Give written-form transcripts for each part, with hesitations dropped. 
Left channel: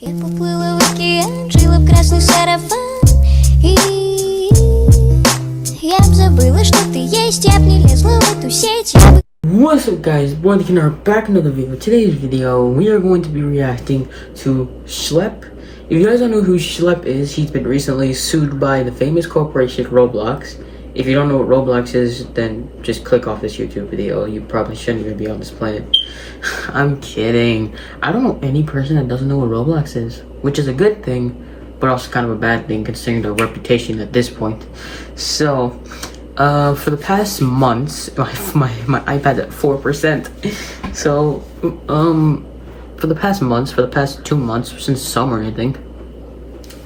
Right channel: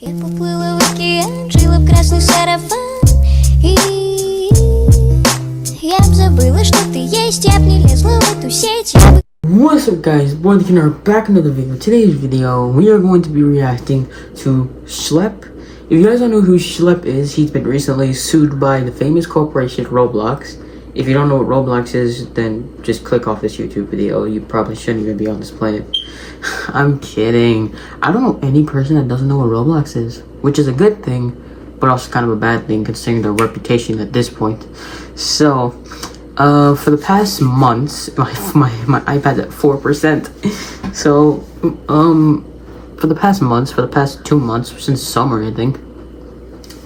Я поплыла в океан, жила в красный сарафан. И я б забыла, что ты есть. Я б не лезла в эту сеть. What's up guys, boy the King are back in another video. Today's video, we are going to be reacting to Schlep. If you guys don't know who Schlep is, he's been recently sued by the famous corporation Roblox. If you don't know what Roblox is, then just click off this YouTube video. You probably shouldn't even be on this planet. I'm kidding. I don't know any person that doesn't know what Roblox is, which is a good thing, but also kind of a bad thing considering their reputation at this point. So, for the past months, my iPad's at 4%. So, for the past 2 months, since summer, I think,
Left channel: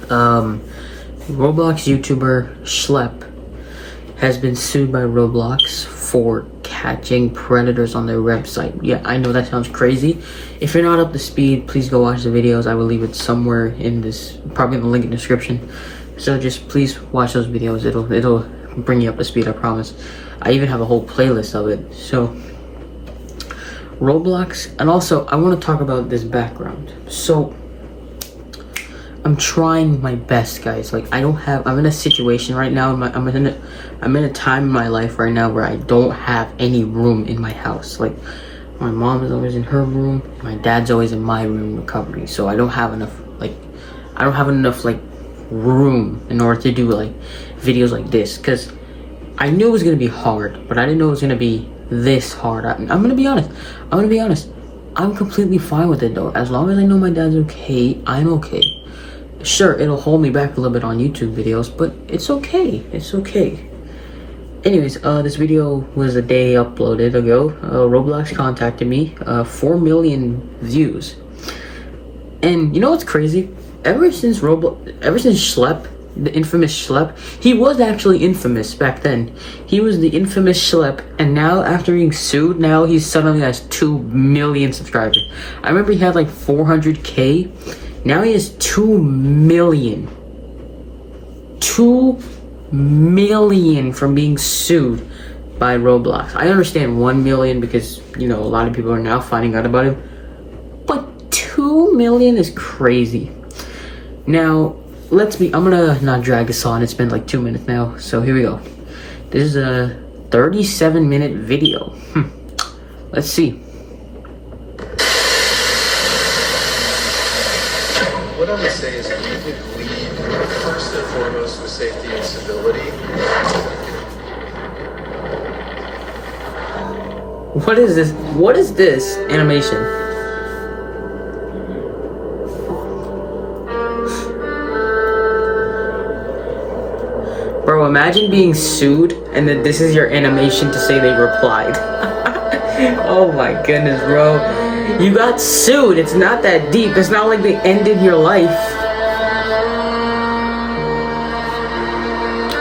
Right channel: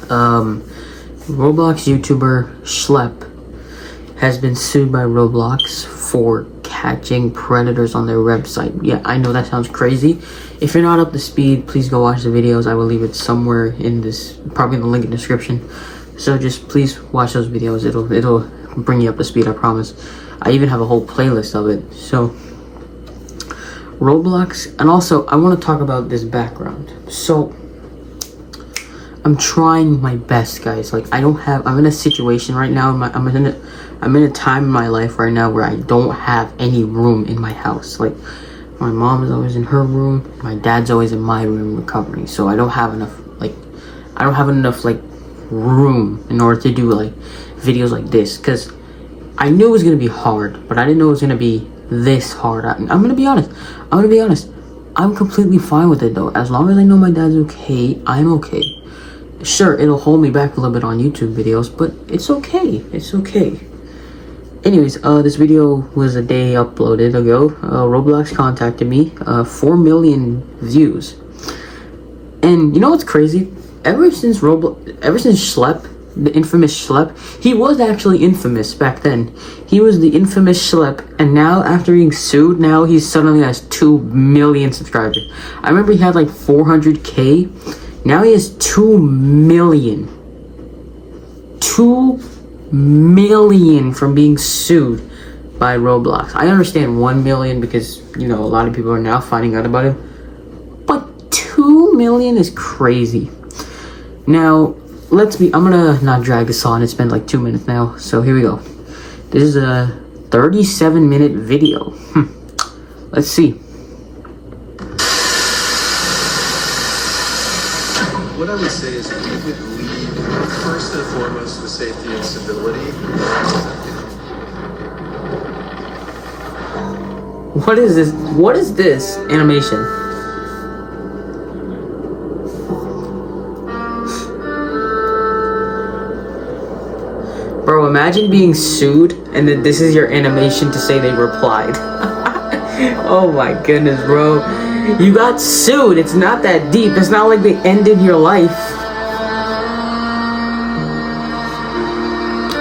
Roblox YouTuber Schlep has been sued by Roblox for catching predators on their website. Yeah, I know that sounds crazy. If you're not up to speed, please go watch the videos. I will leave it somewhere in this, probably in the link in the description. So just please watch those videos. It'll bring you up to speed, I promise. I even have a whole playlist of it. So Roblox, and also I want to talk about this background. So I'm trying my best, guys. Like, I'm in a situation right now. I'm in a time in my life right now where I don't have any room in my house. Like, my mom is always in her room. My dad's always in my room recovering. So I don't have enough, room in order to do, like, videos like this. Because I knew it was going to be hard, but I didn't know it was going to be this hard. I'm going to be honest. I'm completely fine with it, though. As long as I know my dad's okay, I'm okay. Sure, it'll hold me back a little bit on YouTube videos, but it's okay. It's okay. Anyways, this video was a day uploaded ago. Roblox contacted me. 4 million views. And you know what's crazy? Ever since Schlep, the infamous Schlep, he was actually infamous back then. He was the infamous Schlep, and now after being sued, now he suddenly has 2 million subscribers. I remember he had like 400K. Now he has 2 million. 2 million from being sued by Roblox. I understand 1 million because, you know, a lot of people are now finding out about him. But 2 million is crazy. Now, I'm gonna not drag this on. It's been like 2 minutes now. So here we go. This is a 37-minute video. Let's see. What I would say is we would lead first and foremost with safety and stability. What is this? What is this animation? Bro, imagine being sued and then this is your animation to say they replied. Oh my goodness, bro. You got sued. It's not that deep. It's not like they ended your life.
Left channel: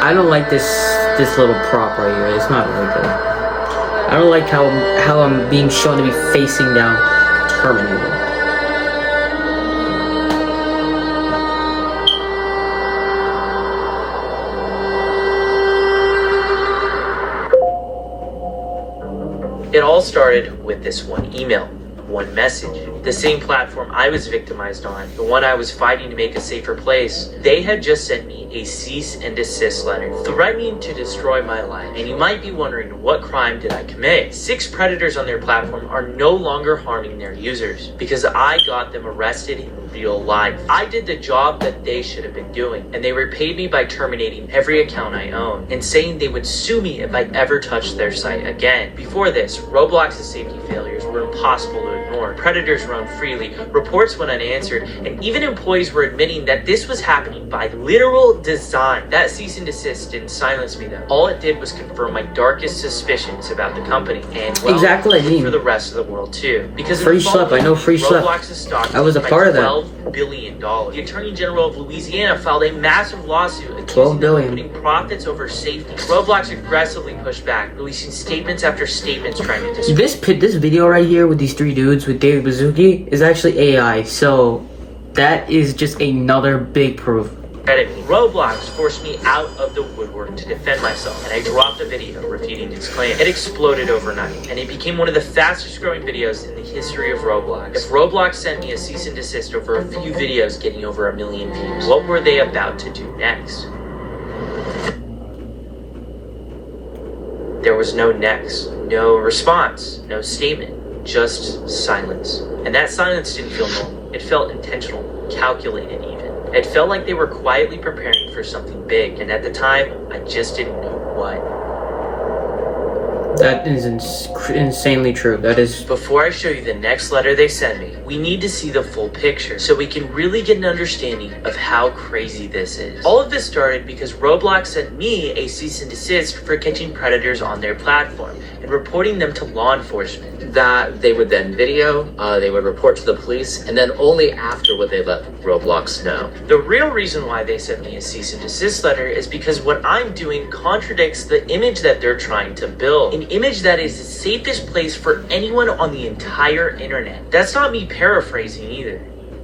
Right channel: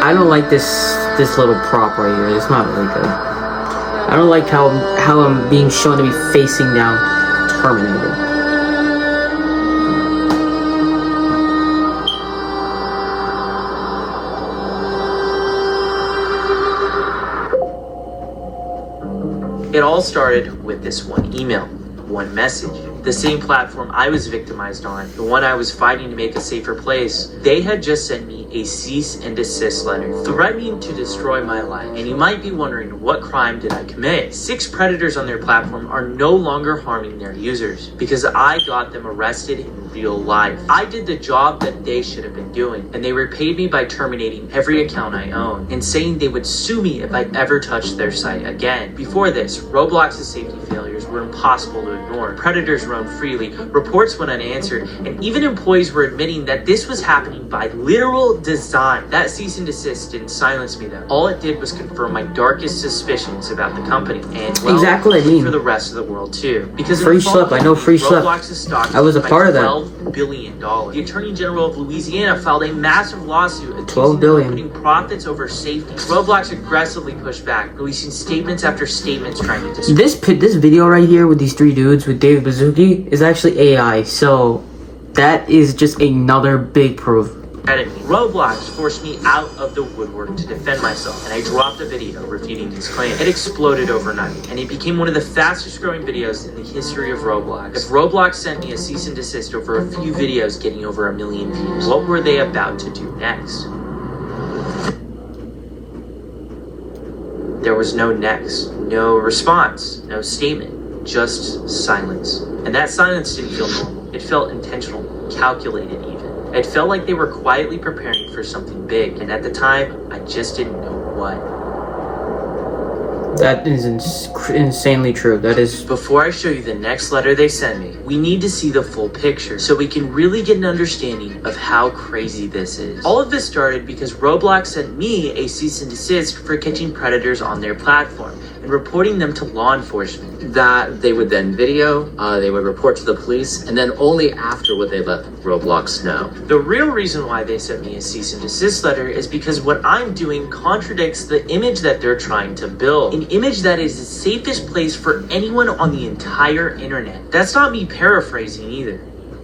I don't like this little prop right here. It's not really good. I don't like how I'm being shown to be facing down Terminator. It all started with this one email, one message. The same platform I was victimized on, the one I was fighting to make a safer place, they had just sent me a cease and desist letter, threatening to destroy my life. And you might be wondering, what crime did I commit? 6 predators on their platform are no longer harming their users because I got them arrested in real life. I did the job that they should have been doing, and they repaid me by terminating every account I own and saying they would sue me if I ever touched their site again. Before this, Roblox's safety failures were impossible to ignore. Predators roamed freely, reports went unanswered, and even employees were admitting that this was happening by literal design. That cease and desist didn't silence me though. All it did was confirm my darkest suspicions about the company and, well, exactly what I mean. For the rest of the world too. Because Free Schlep, I know Free Schlep. I was a part of that. $12 billion. The Attorney General of Louisiana filed a massive lawsuit $12 billion. putting profits over safety. Roblox aggressively pushed back, releasing statements after statements trying to discredit. This video right here with these 3 dudes with David Baszucki is actually AI. So that is just another big proof. enemy. Roblox forced me out of the woodwork to defend myself, and I dropped a video refuting these claims. It exploded overnight, and it became one of the fastest growing videos in the history of Roblox. If Roblox sent me a cease and desist over a few videos getting over 1 million views, what were they about to do next? There was no next, no response, no statement, just silence. And that silence didn't feel normal. It felt intentional, calculated even. It felt like they were quietly preparing for something big, and at the time, I just didn't know what. That is insanely true. That is... Before I show you the next letter they send me, we need to see the full picture so we can really get an understanding of how crazy this is. All of this started because Roblox sent me a cease and desist for catching predators on their platform and reporting them to law enforcement. That they would then video, they would report to the police, and then only after would they let Roblox know. The real reason why they sent me a cease and desist letter is because what I'm doing contradicts the image that they're trying to build. An image that is the safest place for anyone on the entire internet. That's not me paraphrasing either.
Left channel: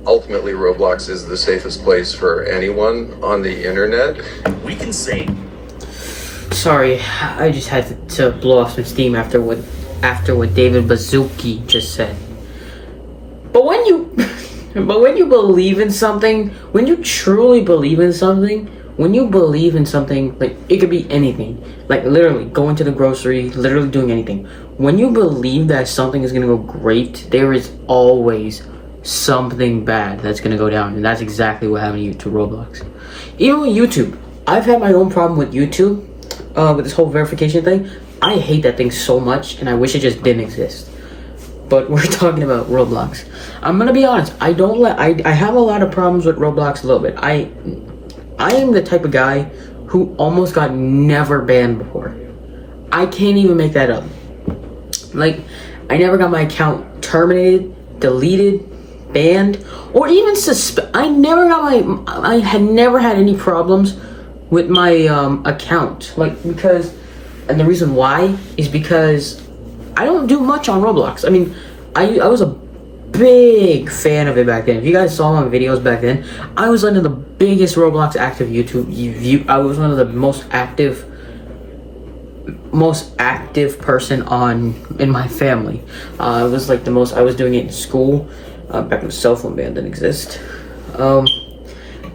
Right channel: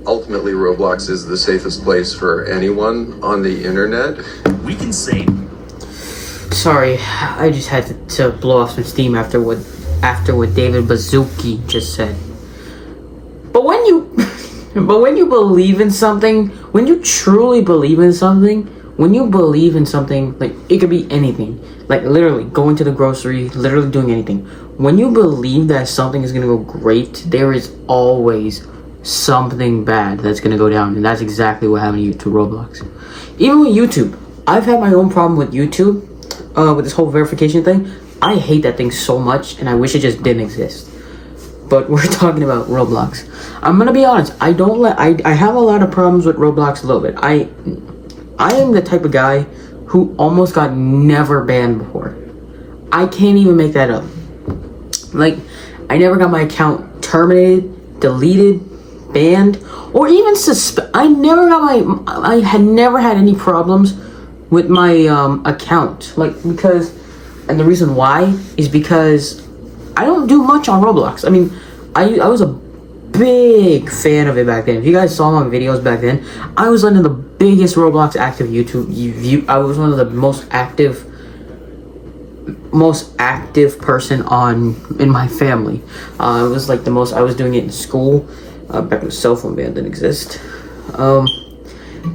Ultimately, Roblox is the safest place for anyone on the internet. We can say... Sorry, I just had to blow off some steam after what David Bazuki just said. But when you believe in something, when you truly believe in something, when you believe in something, like, it could be anything, like literally going to the grocery, literally doing anything. When you believe that something is gonna go great, there is always something bad that's gonna go down, and that's exactly what happened to Roblox. Even with YouTube, I've had my own problem with YouTube, with this whole verification thing. I hate that thing so much, and I wish it just didn't exist. But we're talking about Roblox. I'm gonna be honest. I have a lot of problems with Roblox a little bit. I am the type of guy who almost got never banned before. I can't even make that up. Like, I never got my account terminated, deleted, banned, or even I had never had any problems with my account. Like, because, and the reason why is because I don't do much on Roblox. I mean, I was a big fan of it back then. If you guys saw my videos back then, I was one of the biggest Roblox active I was one of the most active person in my family. It was like I was doing it in school, back when the cell phone ban didn't exist.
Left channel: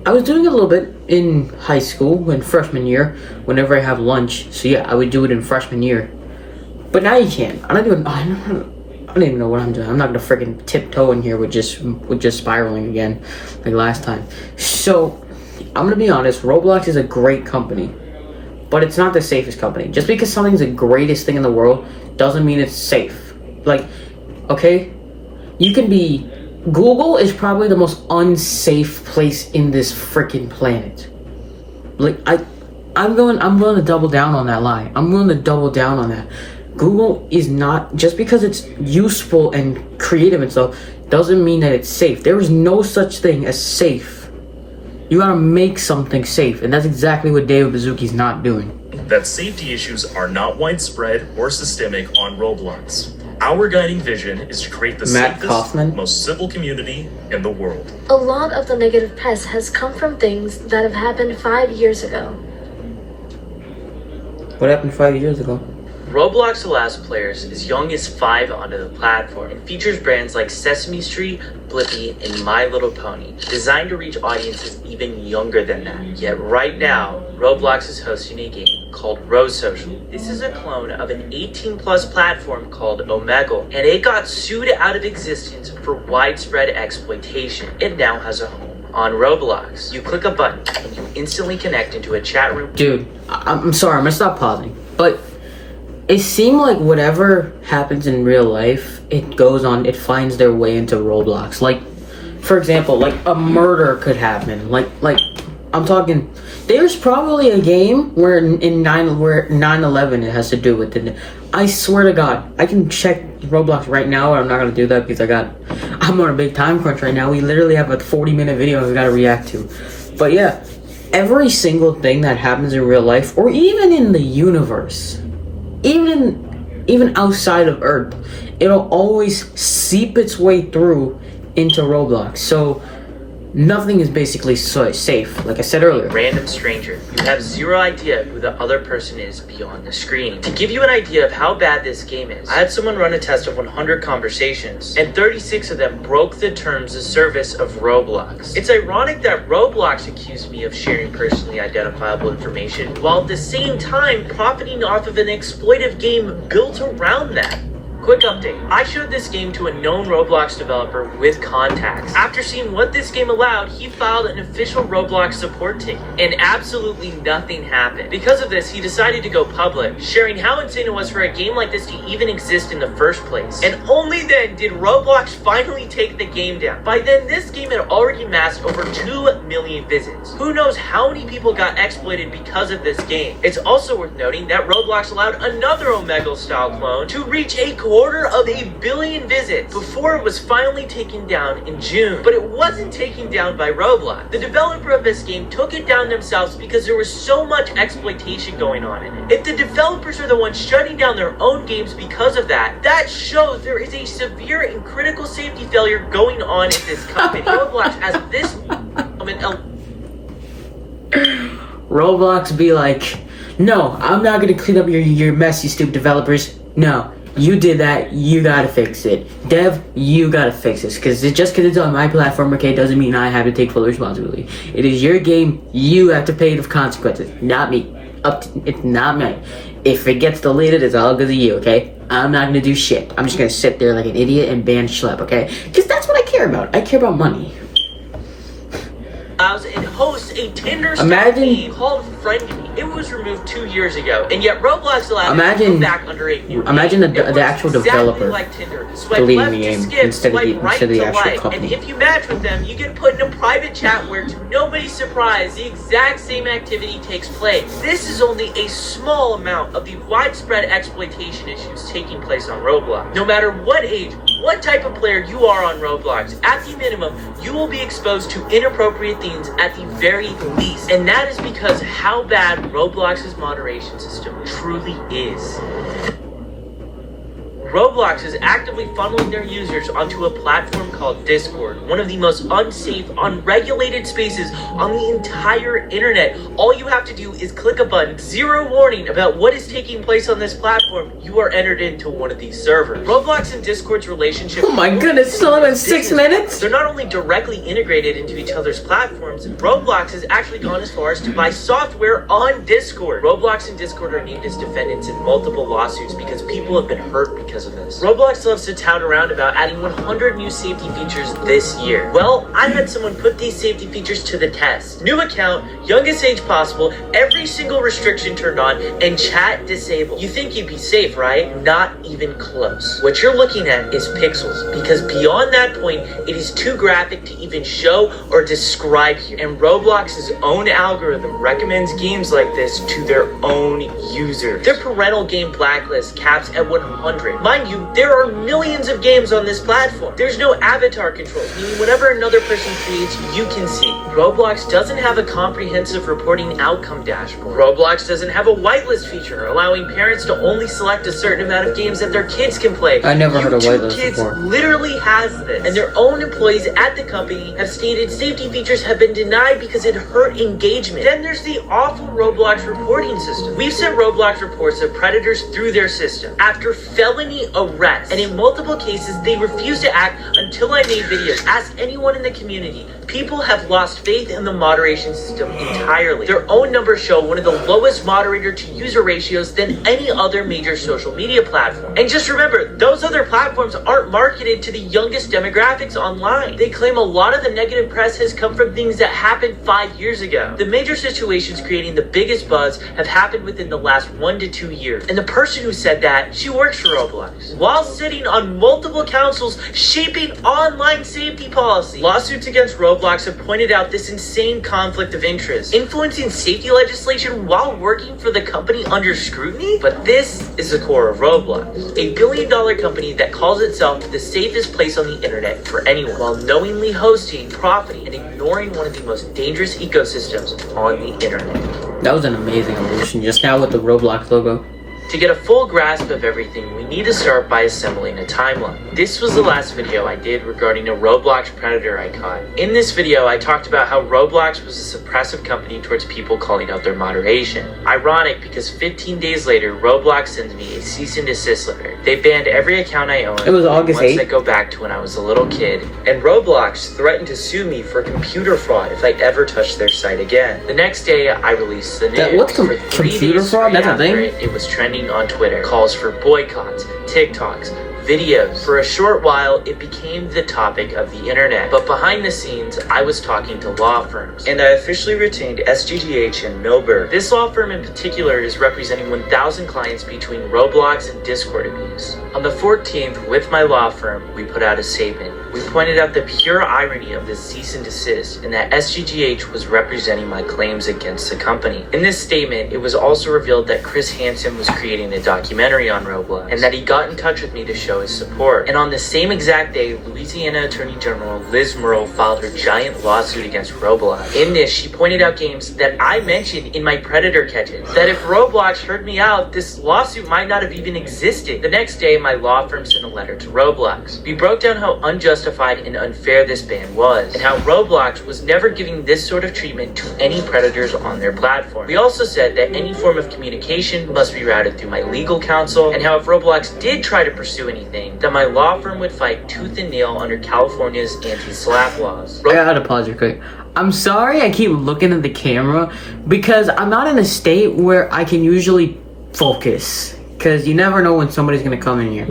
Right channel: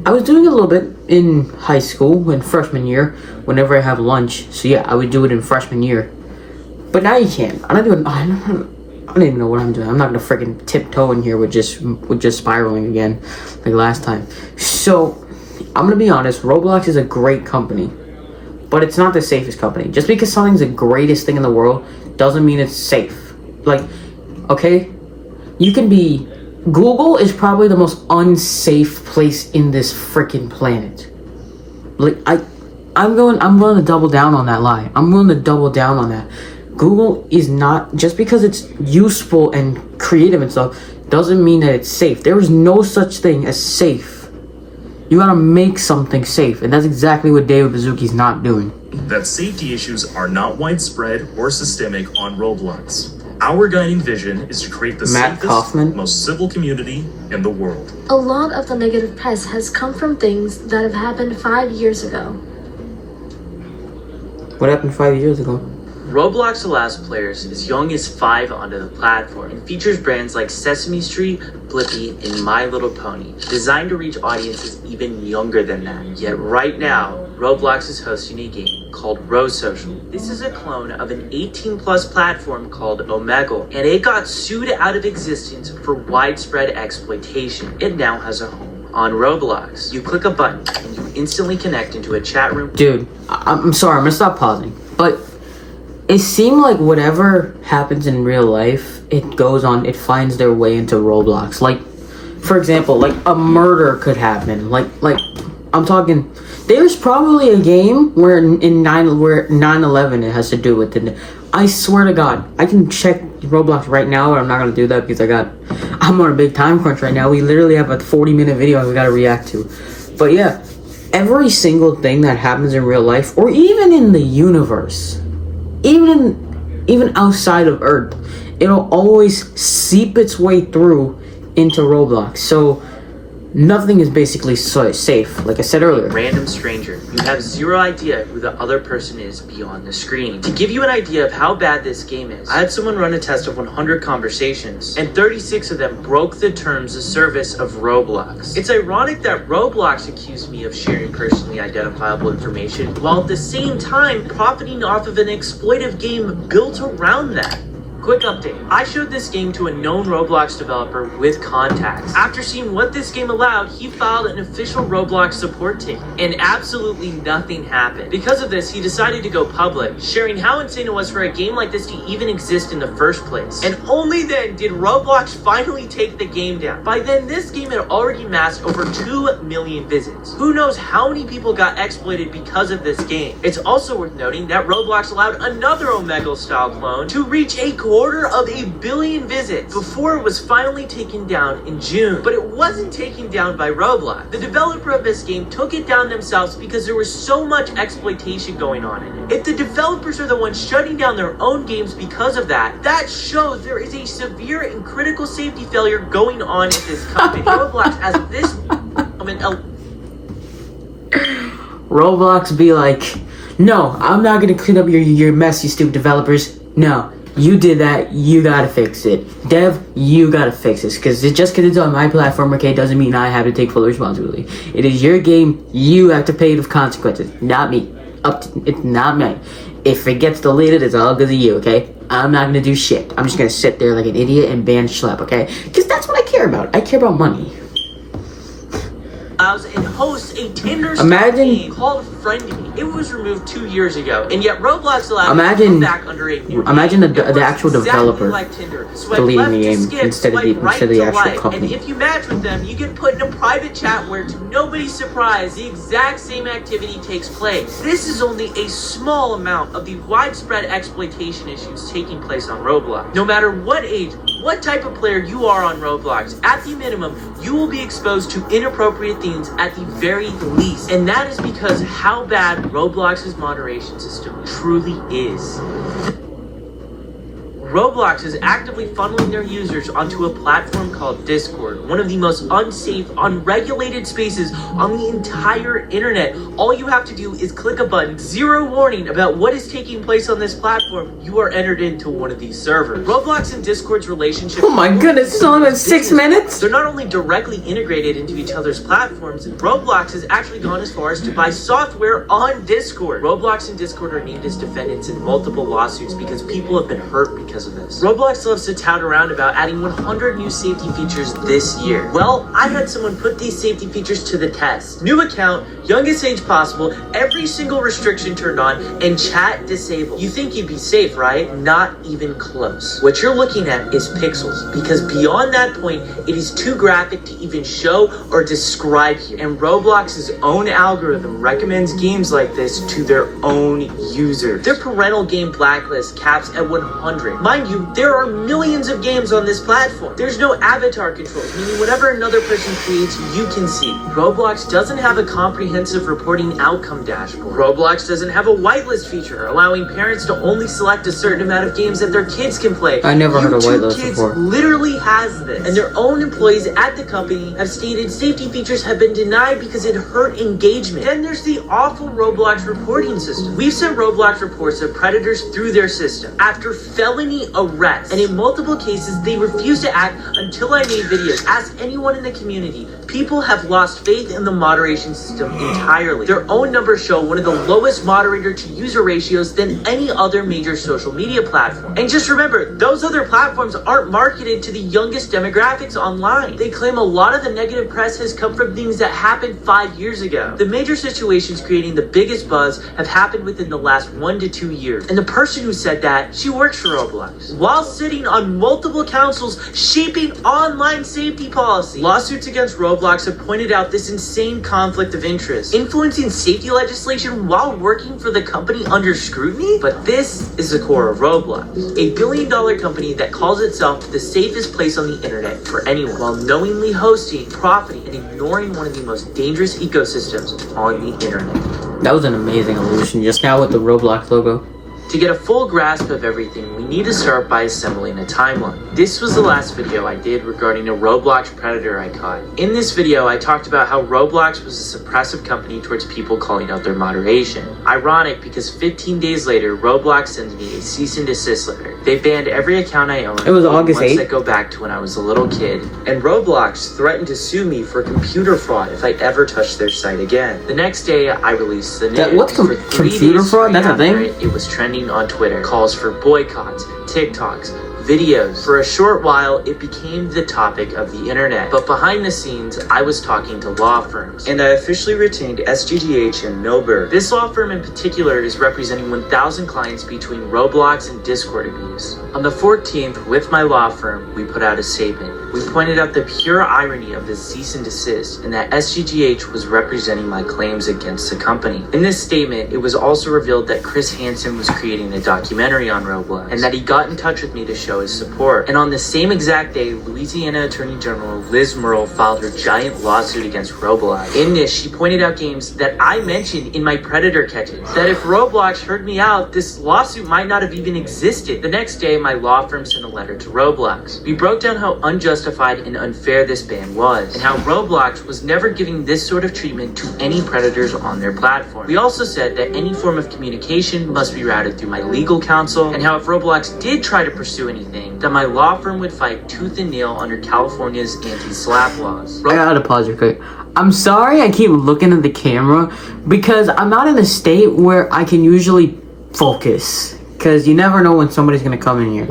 I was doing it a little bit in high school in freshman year, whenever I have lunch. So yeah, I would do it in freshman year. But now you can't. I don't even know what I'm doing. I'm not gonna freaking tiptoe in here with just spiraling again like last time. So I'm gonna be honest, Roblox is a great company, but it's not the safest company. Just because something's the greatest thing in the world doesn't mean it's safe. Like, okay, Google is probably the most unsafe place in this freaking planet. Like, I'm going to double down on that lie. I'm going to double down on that. Google is not, just because it's useful and creative and stuff, doesn't mean that it's safe. There is no such thing as safe. You gotta make something safe, and that's exactly what David Bazuki's not doing. That safety issues are not widespread or systemic on Roblox. Our guiding vision is to create the safest, most civil community in the world. A lot of the negative press has come from things that have happened 5 years ago. What happened 5 years ago? Roblox allows players as young as 5 onto the platform and features brands like Sesame Street, Blippi, and My Little Pony, designed to reach audiences even younger than that. Yet right now, Roblox is hosting a game called Rose Social. This is a clone of an 18-plus platform called Omegle, and it got sued out of existence for widespread exploitation. It now has a home on Roblox. You click a button, and you instantly connect into a chat room. Dude, I'm sorry, I'm gonna stop pausing, but it seemed like whatever happens in real life, it finds their way into Roblox. Like, for example, like a murder could happen. Like I'm talking, there's probably a game where 9/11 it has to do with it. I swear to God, I can check Roblox right now, but I'm not gonna do that because I'm on a big time crunch right now. We literally have a 40-minute video we gotta react to. But yeah, every single thing that happens in real life, or even in the universe, even outside of Earth, it'll always seep its way through into Roblox. So Nothing is basically safe, like I said earlier. Random stranger. You have zero idea who the other person is beyond the screen. To give you an idea of how bad this game is, I had someone run a test of 100 conversations, and 36 of them broke the terms of service of Roblox. It's ironic that Roblox accused me of sharing personally identifiable information, while at the same time profiting off of an exploitive game built around that. Quick update. I showed this game to a known Roblox developer with contacts. After seeing what this game allowed, he filed an official Roblox support ticket, and absolutely nothing happened. Because of this, he decided to go public, sharing how insane it was for a game like this to even exist in the first place. And only then did Roblox finally take the game down. By then, this game had already amassed over 2 million visits. Who knows how many people got exploited because of this game. It's also worth noting that Roblox allowed another Omegle-style clone to reach a quarter of a billion visits before it was finally taken down in June. But it wasn't taken down by Roblox. The developer of this game took it down themselves because there was so much exploitation going on in it. If the developers are the ones shutting down their own games because of that, that shows there is a severe and critical safety failure going on at this company. Roblox has this moment. Roblox be like, no, I'm not gonna clean up your mess, you stupid developers. No. You did that, you gotta fix it. Dev, you gotta fix this. Because just because it's on my platform, okay, doesn't mean I have to take full responsibility. It is your game, you have to pay the consequences. Not me. It's not me. If it gets deleted, it's all because of you, okay? I'm not gonna do shit. I'm just gonna sit there like an idiot and ban Schlep, okay? Because that's what I care about. I care about money. And hosts a Tinder game called Friend Me. It was removed 2 years ago, and yet Roblox allowed it to come back under a new imagine name. the actual developer like Tinder. deleting the game instead of the actual company. And if you match with them, you get put in a private chat where, to nobody's surprise, the exact same activity takes place. This is only a small amount of the widespread exploitation issues taking place on Roblox. No matter what age, what type of player you are on Roblox, at the minimum, you will be exposed to inappropriate themes at the very least. And that is because how bad Roblox's moderation system truly is. Roblox is actively funneling their users onto a platform called Discord, one of the most unsafe, unregulated spaces on the entire internet. All you have to do is click a button, zero warning about what is taking place on this platform. You are entered into one of these servers. Roblox and Discord's relationship... Oh my goodness, it's only been 6 minutes? They're not only directly integrated into each other's platforms, Roblox has actually gone as far as to buy software on Discord. Roblox and Discord are named as defendants in multiple lawsuits because people have been hurt because of this. Roblox loves to tout around about adding 100 new safety features this year. Well, I had someone put these safety features to the test. New account, youngest age possible, every single restriction turned on, and chat disabled. You think you'd be safe, right? Not even close. What you're looking at is pixels, because beyond that point, it is too graphic to even show or describe here. And Roblox's own algorithm recommends games like this to their own users. Their parental game blacklist caps at 100. Mind you, there are millions of games on this platform. There's no avatar controls, meaning whatever another person creates, you can see. Roblox doesn't have a comprehensive reporting outcome dashboard. Roblox doesn't have a whitelist feature, allowing parents to only select a certain amount of games that their kids can play. I never heard of whitelist Kids before. literally has this, and their own employees at the company have stated safety features have been denied because it hurt engagement. Then there's the awful Roblox reporting system. We've sent Roblox reports of predators through their system after felony arrest, and in multiple cases they refuse to act until I made videos. Ask anyone in the community. People have lost faith in the moderation system entirely. Their own numbers show one of the lowest moderator to user ratios than any other major social media platform. And just remember, those other platforms aren't marketed to the youngest demographics online. They claim a lot of the negative press has come from things that happened 5 years ago. The major situations creating the biggest buzz have happened within the last 1 to 2 years. And the person who said that, she works for Roblox, while sitting on multiple councils shaping online safety policy. Lawsuits against Roblox have pointed out this insane conflict of interest, influencing safety legislation while working for the company under scrutiny. But this is the core of Roblox, a billion-dollar company that calls itself the safest place on the internet for anyone, while knowingly hosting, profiting, and ignoring one of the most dangerous ecosystems on the internet. That was an amazing evolution just now with the Roblox logo. To get a full grasp of everything, we need to start by assembling a timeline. This was the last video I did regarding a Roblox predator I caught. In this video, I talked about how Roblox was a suppressive company towards people calling out their moderation. Ironic because 15 days later, Roblox sends me a cease and desist letter. They banned every account I own. It was August 8th. Once I go back to when I was a little kid. And Roblox threatened to sue me for computer fraud if I ever touched their site again. The next day, I released the news. What's computer fraud? That's a thing? It was trending on Twitter. Calls for boycotts, TikToks, videos. For a short while, it became the topic of the internet. But behind the scenes, I was talking to law firms. And I officially retained SGGH in Millburg. This law firm in particular is representing 1,000 clients between Roblox and Discord abuse. On the 14th, with my law firm, we put out a statement. We pointed out the pure irony of the cease and desist and that SGGH was representing my claims against the company. In this statement, it was also revealed that Chris Hansen was creating a documentary on Roblox and that he got in touch with me to show his support. And on the same exact day, Louisiana Attorney General Liz Murrell filed her giant lawsuit against Roblox. In this, she pointed out games that I mentioned in my Predator catches. That if Roblox heard me out, this lawsuit might not have even existed. The next day, my law firm sent a letter to Roblox. We broke down how unjustified and unfair this ban was, and how Roblox was never giving this sort of treatment to any predators on their platform. We also said that any form of communication must be routed through my legal counsel, and how if Roblox did try to pursue anything, that my law firm would fight tooth and nail under California's anti-slap laws. I gotta pause real quick. I'm sorry I keep looking at the camera because I'm not in a state where I can usually focus, because you never know when somebody's gonna come in here.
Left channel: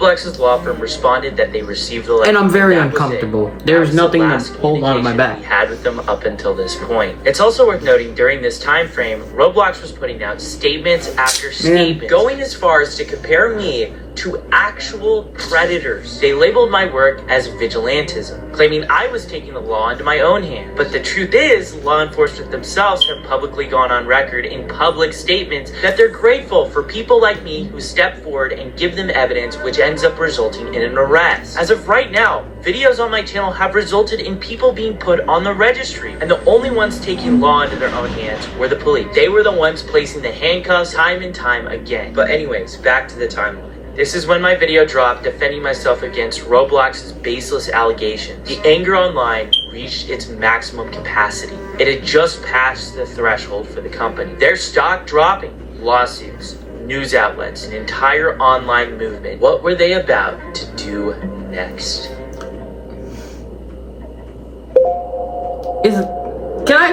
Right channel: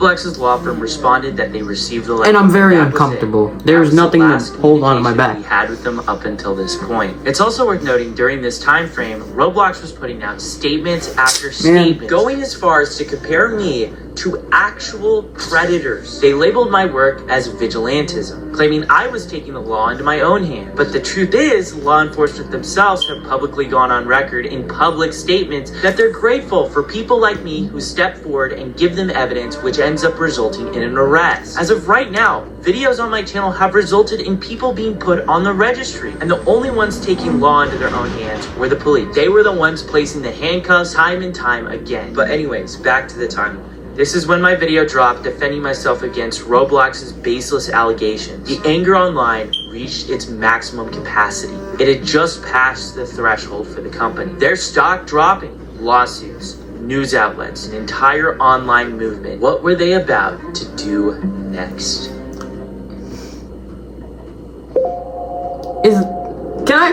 Roblex's law firm responded that they received the letter. And I'm very that was uncomfortable. it. There's That was the nothing to last hold on to my back. communication we had with them up until this point. It's also worth noting during this time frame, Roblox was putting out statements after statements, going as far as to compare me to actual predators. They labeled my work as vigilantism, claiming I was taking the law into my own hand. But the truth is, law enforcement themselves have publicly gone on record in public statements that they're grateful for people like me who step forward and give them evidence, which ends up resulting in an arrest. As of right now, videos on my channel have resulted in people being put on the registry, and the only ones taking law into their own hands were the police. They were the ones placing the handcuffs time and time again. But anyways, back to the timeline. This is when my video dropped defending myself against Roblox's baseless allegations. The anger online reached its maximum capacity. It had just passed the threshold for the company. Their stock dropping, lawsuits, news outlets, an entire online movement. What were they about to do next?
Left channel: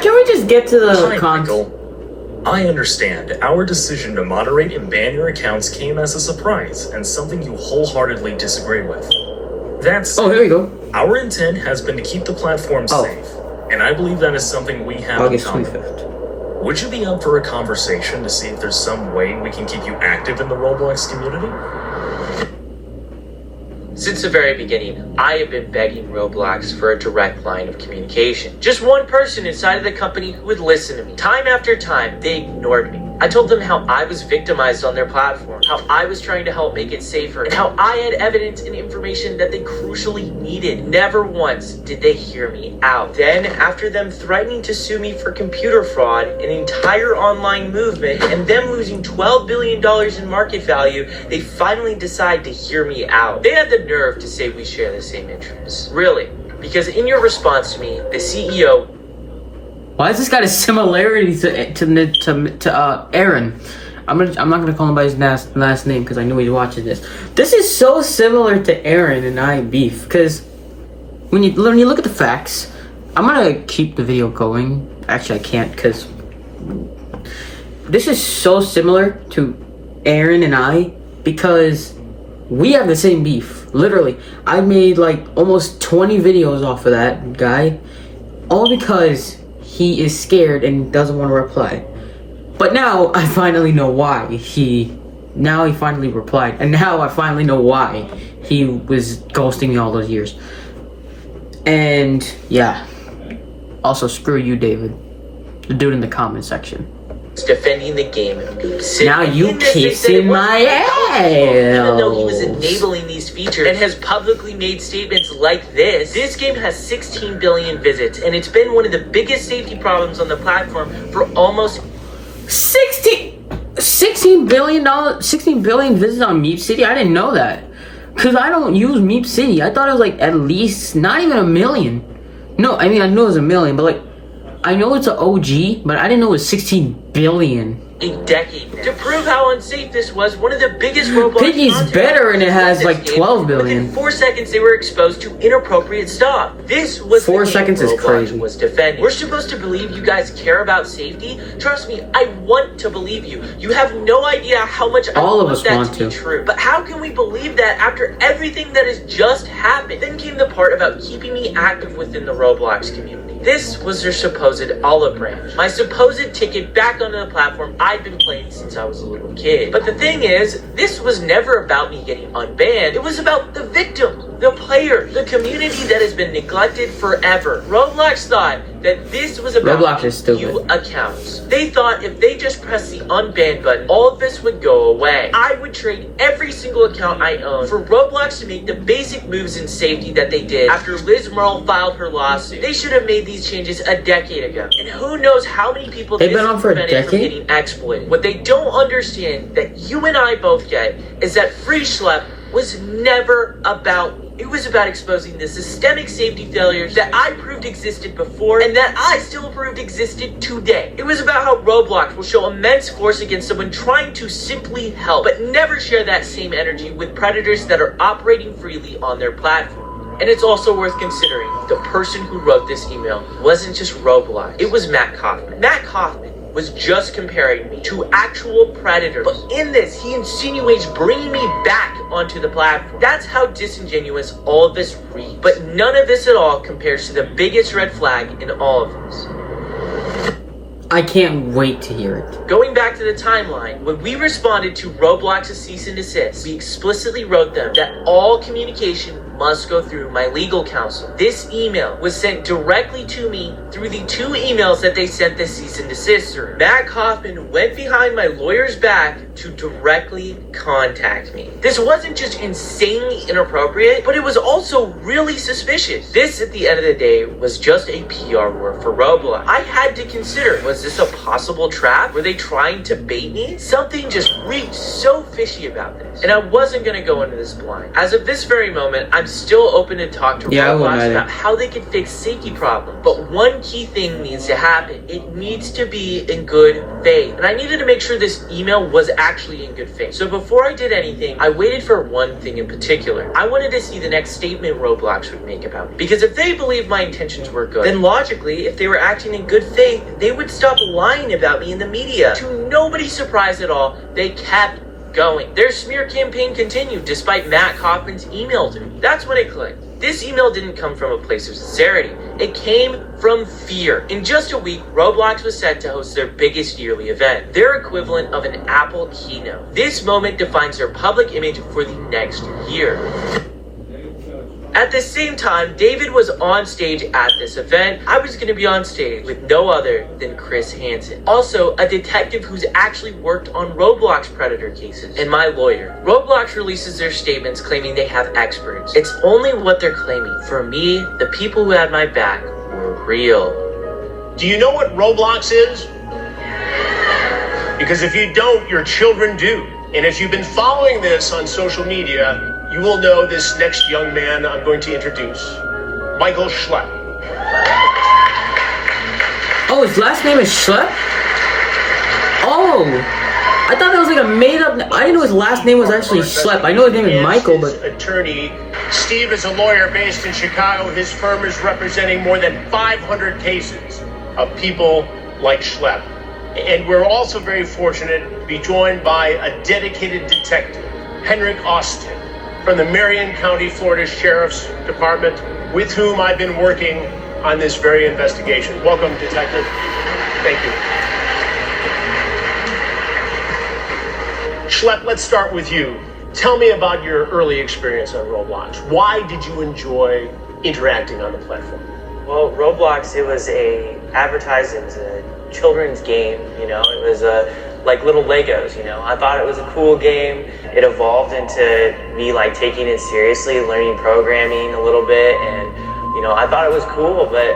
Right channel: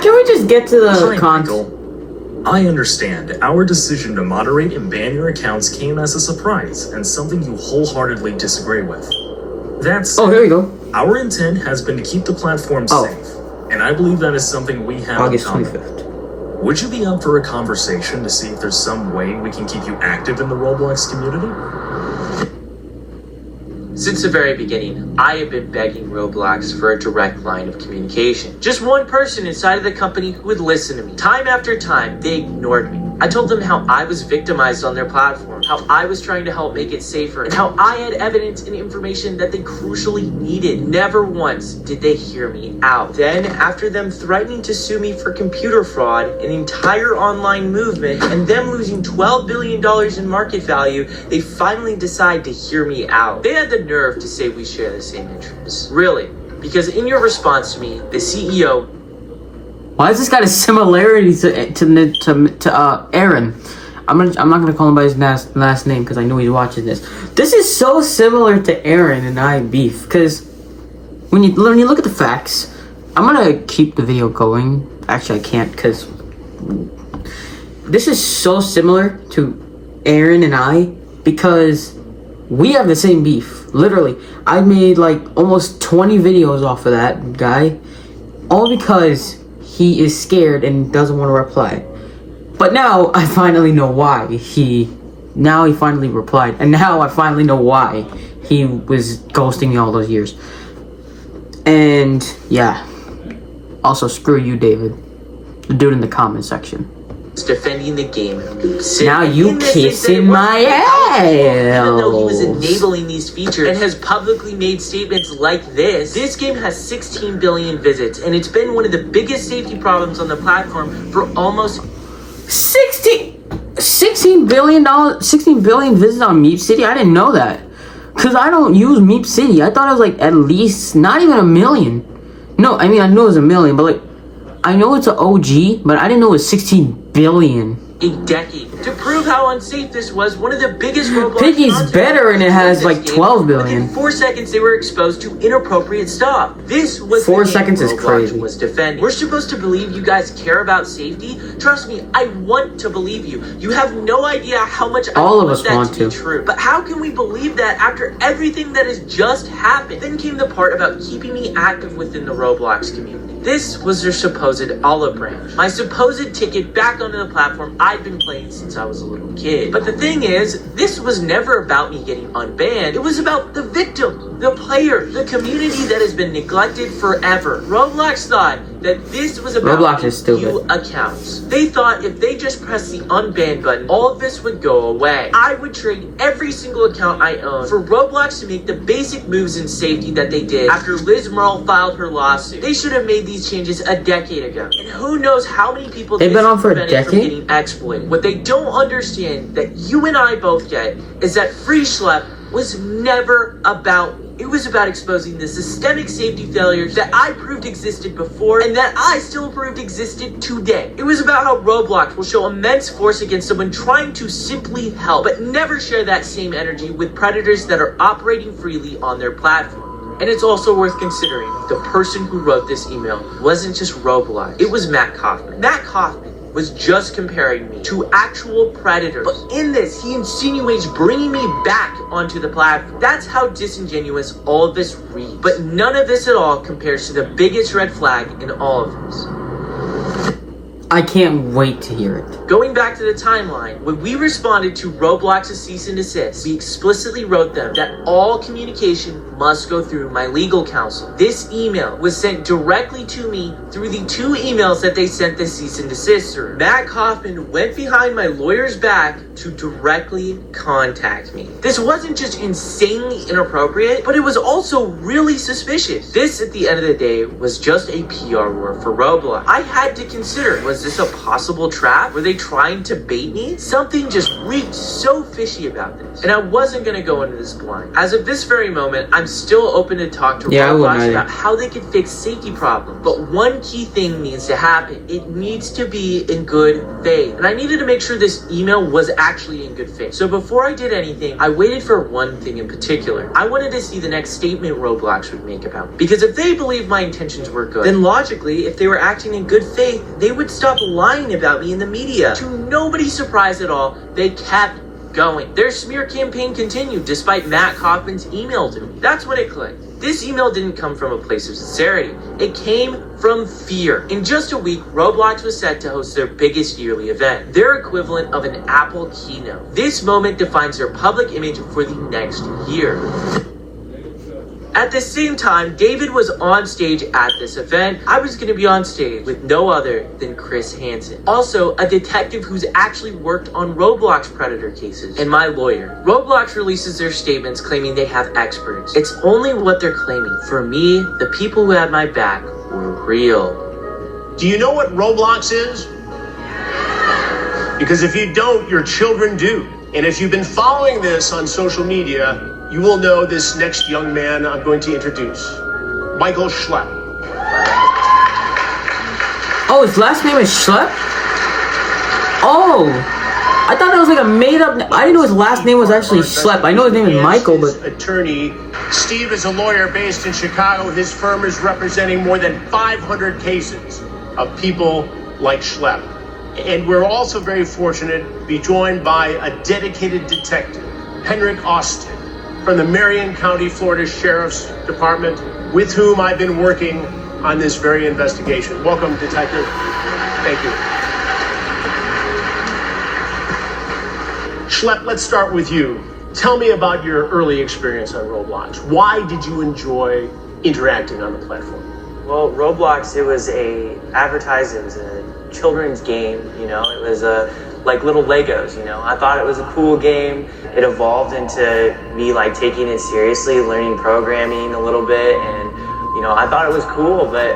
Can we just get to the Hi, Michael. I understand. Our decision to moderate and ban your accounts came as a surprise and something you wholeheartedly disagree with. That's Oh, here we go. our intent has been to keep the platform safe, and I believe that is something we have August in common. 25th. Would you be up for a conversation to see if there's some way we can keep you active in the Roblox community? Since the very beginning, I have been begging Roblox for a direct line of communication. Just one person inside of the company who would listen to me. Time after time, they ignored me. I told them how I was victimized on their platform, how I was trying to help make it safer, and how I had evidence and information that they crucially needed. Never once did they hear me out. Then, after them threatening to sue me for computer fraud, an entire online movement, and them losing $12 billion in market value, they finally decide to hear me out. They had the nerve to say we share the same interests. Really? Because in your response to me, the CEO... Why has this got a similarity to Aaron? I'm not gonna call him by his last name because I know he's watching this. This is so similar to Aaron and I beef because when you look at the facts, I'm gonna keep the video going. Actually, I can't because this is so similar to Aaron and I because we have the same beef. Literally, I made like almost 20 videos off of that guy, all because he is scared and doesn't want to reply. But now I finally know why he finally replied, and now I finally know why he was ghosting me all those years. And yeah, also screw you, David, the dude in the comment section. defending the game. Now you kissing my ass. Even though he was enabling these features and has publicly made statements like this game has 16 billion visits, and it's been one of the biggest safety problems on the platform for almost 16. $16 billion visits on Meep City? I didn't know that. Because I don't use Meep City. I thought it was like at least not even 1 million. No, I mean, I know it was 1 million, but like, I know it's an OG, but I didn't know it was 16 billion. A decade now. To prove how unsafe this was, one of the biggest Roblox Piggy's content better and it has like 12 billion. Within 4 seconds, they were exposed to inappropriate stuff. This was 4 the seconds is Roblox crazy. Was defending. We're supposed to believe you guys care about safety. Trust me, I want to believe you. You have no idea how much All I of us that want to to. be true. But how can we believe that after everything that has just happened? Then came the part about keeping me active within the Roblox community. This was their supposed olive branch. My supposed ticket back onto the platform I'd been playing since I was a little kid. But the thing is, this was never about me getting unbanned. It was about the victim, the player, the community that has been neglected forever. Roblox thought that this was about Roblox is stupid. few accounts. They thought if they just pressed the unban button, all of this would go away. I would trade every single account I own for Roblox to make the basic moves in safety that they did after Liz Merle filed her lawsuit. They should have made these changes a decade ago. And who knows how many people They've been on for a prevented from decade? getting exploited. What they don't understand that you and I both get is that Free Schlep was never about me. It was about exposing the systemic safety failures that I proved existed before and that I still proved existed today. It was about how Roblox will show immense force against someone trying to simply help, but never share that same energy with predators that are operating freely on their platform. And it's also worth considering the person who wrote this email wasn't just Roblox. It was Matt Kaufman. Matt Kaufman was just comparing me to actual predators. But in this, he insinuates bringing me back onto the platform. That's how disingenuous all of this reads. But none of this at all compares to the biggest red flag in all of this. I can't wait to hear it. Going back to the timeline, when we responded to Roblox's cease and desist, we explicitly wrote them that all communication must go through my legal counsel. This email was sent directly to me through the 2 emails that they sent the cease and desist through. Matt Kaufman went behind my lawyer's back to directly contact me. This wasn't just insanely inappropriate, but it was also really suspicious. This, at the end of the day, was just a PR war for Roblox. I had to consider, was this a possible trap? Were they trying to bait me? Something just reeked so fishy about this, and I wasn't gonna go into this blind. As of this very moment, I'm still open to talk to Roblox about how they can fix safety problems. But one key thing needs to happen. It needs to be in good faith. And I needed to make sure this email was actually in good faith. So before I did anything, I waited for one thing in particular. I wanted to see the next statement Roblox would make about me. Because if they believed my intentions were good, then logically, if they were acting in good faith, they would stop lying about me in the media. To nobody's surprise at all, they kept going. Their smear campaign continued despite Matt Kaufman's email to me. That's when it clicked. This email didn't come from a place of sincerity. It came from fear. In just a week, Roblox was set to host their biggest yearly event, their equivalent of an Apple keynote. This moment defines their public image for the next year. At the same time, David was on stage at this event. I was going to be on stage with no other than Chris Hansen, also a detective who's actually worked on Roblox predator cases, and my lawyer. Roblox releases their statements claiming they have experts. It's only what they're claiming. For me, the people who had my back were real. Do you know what Roblox is? Because if you don't, your children do. And if you've been following this on social media, you will know this next young man I'm going to introduce, Michael Schlepp. Oh, his last name is Schlepp? Oh, I thought that was like a made up. I didn't know his last name was actually Schlepp. I know his name is Michael, but attorney Steve is a lawyer based in Chicago. His firm is representing more than 500 cases of people like Schlepp. And we're also very fortunate to be joined by a dedicated detective, Henrik Austin, from the Marion County, Florida Sheriff's Department, with whom I've been working on this very investigation. Welcome, Detective. Thank you. Schlepp, let's start with you. Tell me about your early experience on Roblox. Why did you enjoy interacting on the platform? Well, Roblox, it was a children's game, you know. It was like little Legos, you know. I thought it was a cool game. It evolved into me like taking it seriously, learning programming a little bit, and you know, I thought it was cool, but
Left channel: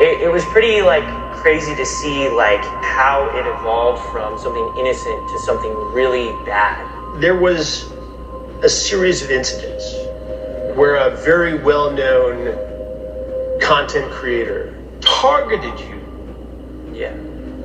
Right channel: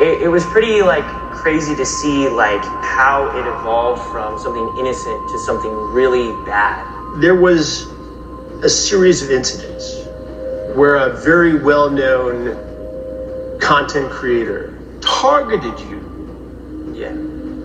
it was pretty like crazy to see like how it evolved from something innocent to something really bad. There was a series of incidents where a very well-known content creator targeted you. Yeah.